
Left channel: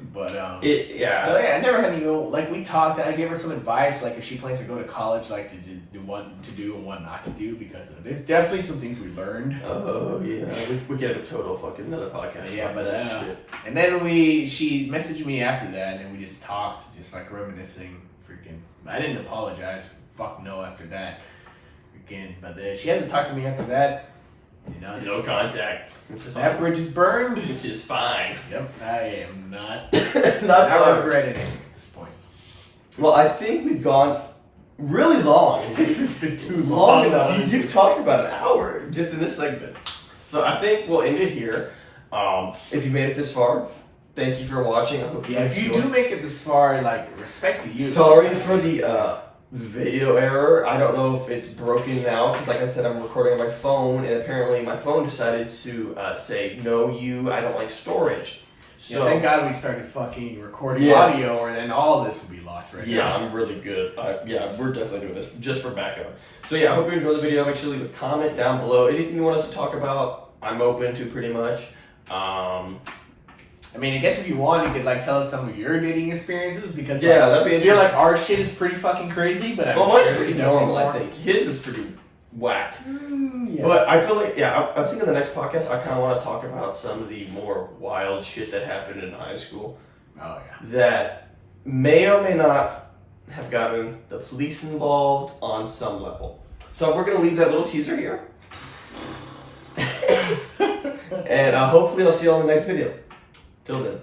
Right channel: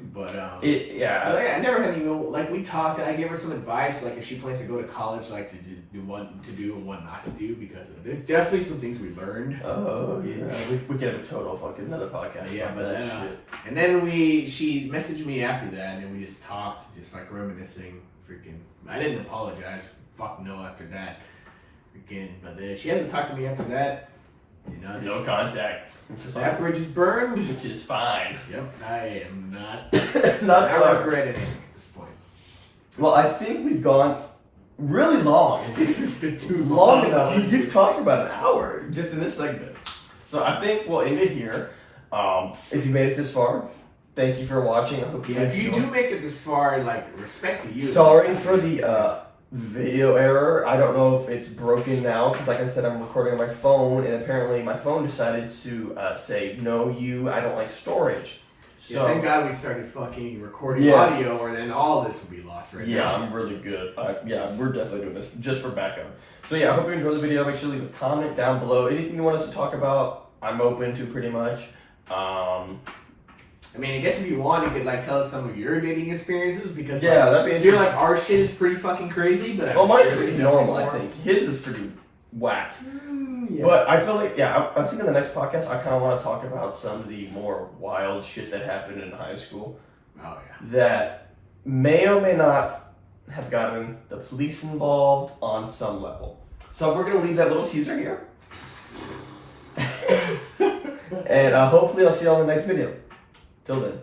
But yeah. But I never had any. Like we talked, I gave her some advice, like if she plans to go to college, like to do what to do and what not to do, because there's definitely some things we learned. Oh yeah, we get a total fucking another podcast. Yeah, but that shit. And then she messaged me after that, and we just talked, just like reminiscing. Freaking, I didn't apologize. Fuck no after that. Freaking, but she hasn't talked to me after that. You know, No contact. That bridge is burned, which is fine. Yep, I am not not regretting it at this point. Well, I think we've gone really long. This has been too long enough. You've talked about an hour just in this segment. So I think we'll end it here. If you made it this far, thank you for watching. I hope you if you do make it this far, like, respect to you. Sorry for the video error. I don't know if it's broken now because, like I said, I'm recording on my phone, and apparently my phone decided to say, no, I don't like storage. So thank God we started fucking recording audio, or then all this would be lost right now. Yeah, I'm really good. We're definitely doing this just for backup. So yeah, I hope you enjoyed the video. Make sure to leave a comment down below. Anything you want us to talk about, I'm open to pretty much. I mean, I guess if you want, you could like tell us some of your dating experiences, because that'd be interesting. I feel like our shit is pretty fucking crazy, but mine's pretty normal. I think his is pretty whacked. Yeah. But I feel like I think in the next podcast I kind of want to talk about some of the more wild shit that happened in high school. Oh yeah. That may or may not have gotten the police involved on some level. So we're gonna leave that little teaser here, and hopefully I'll see you all in the next video. Till then.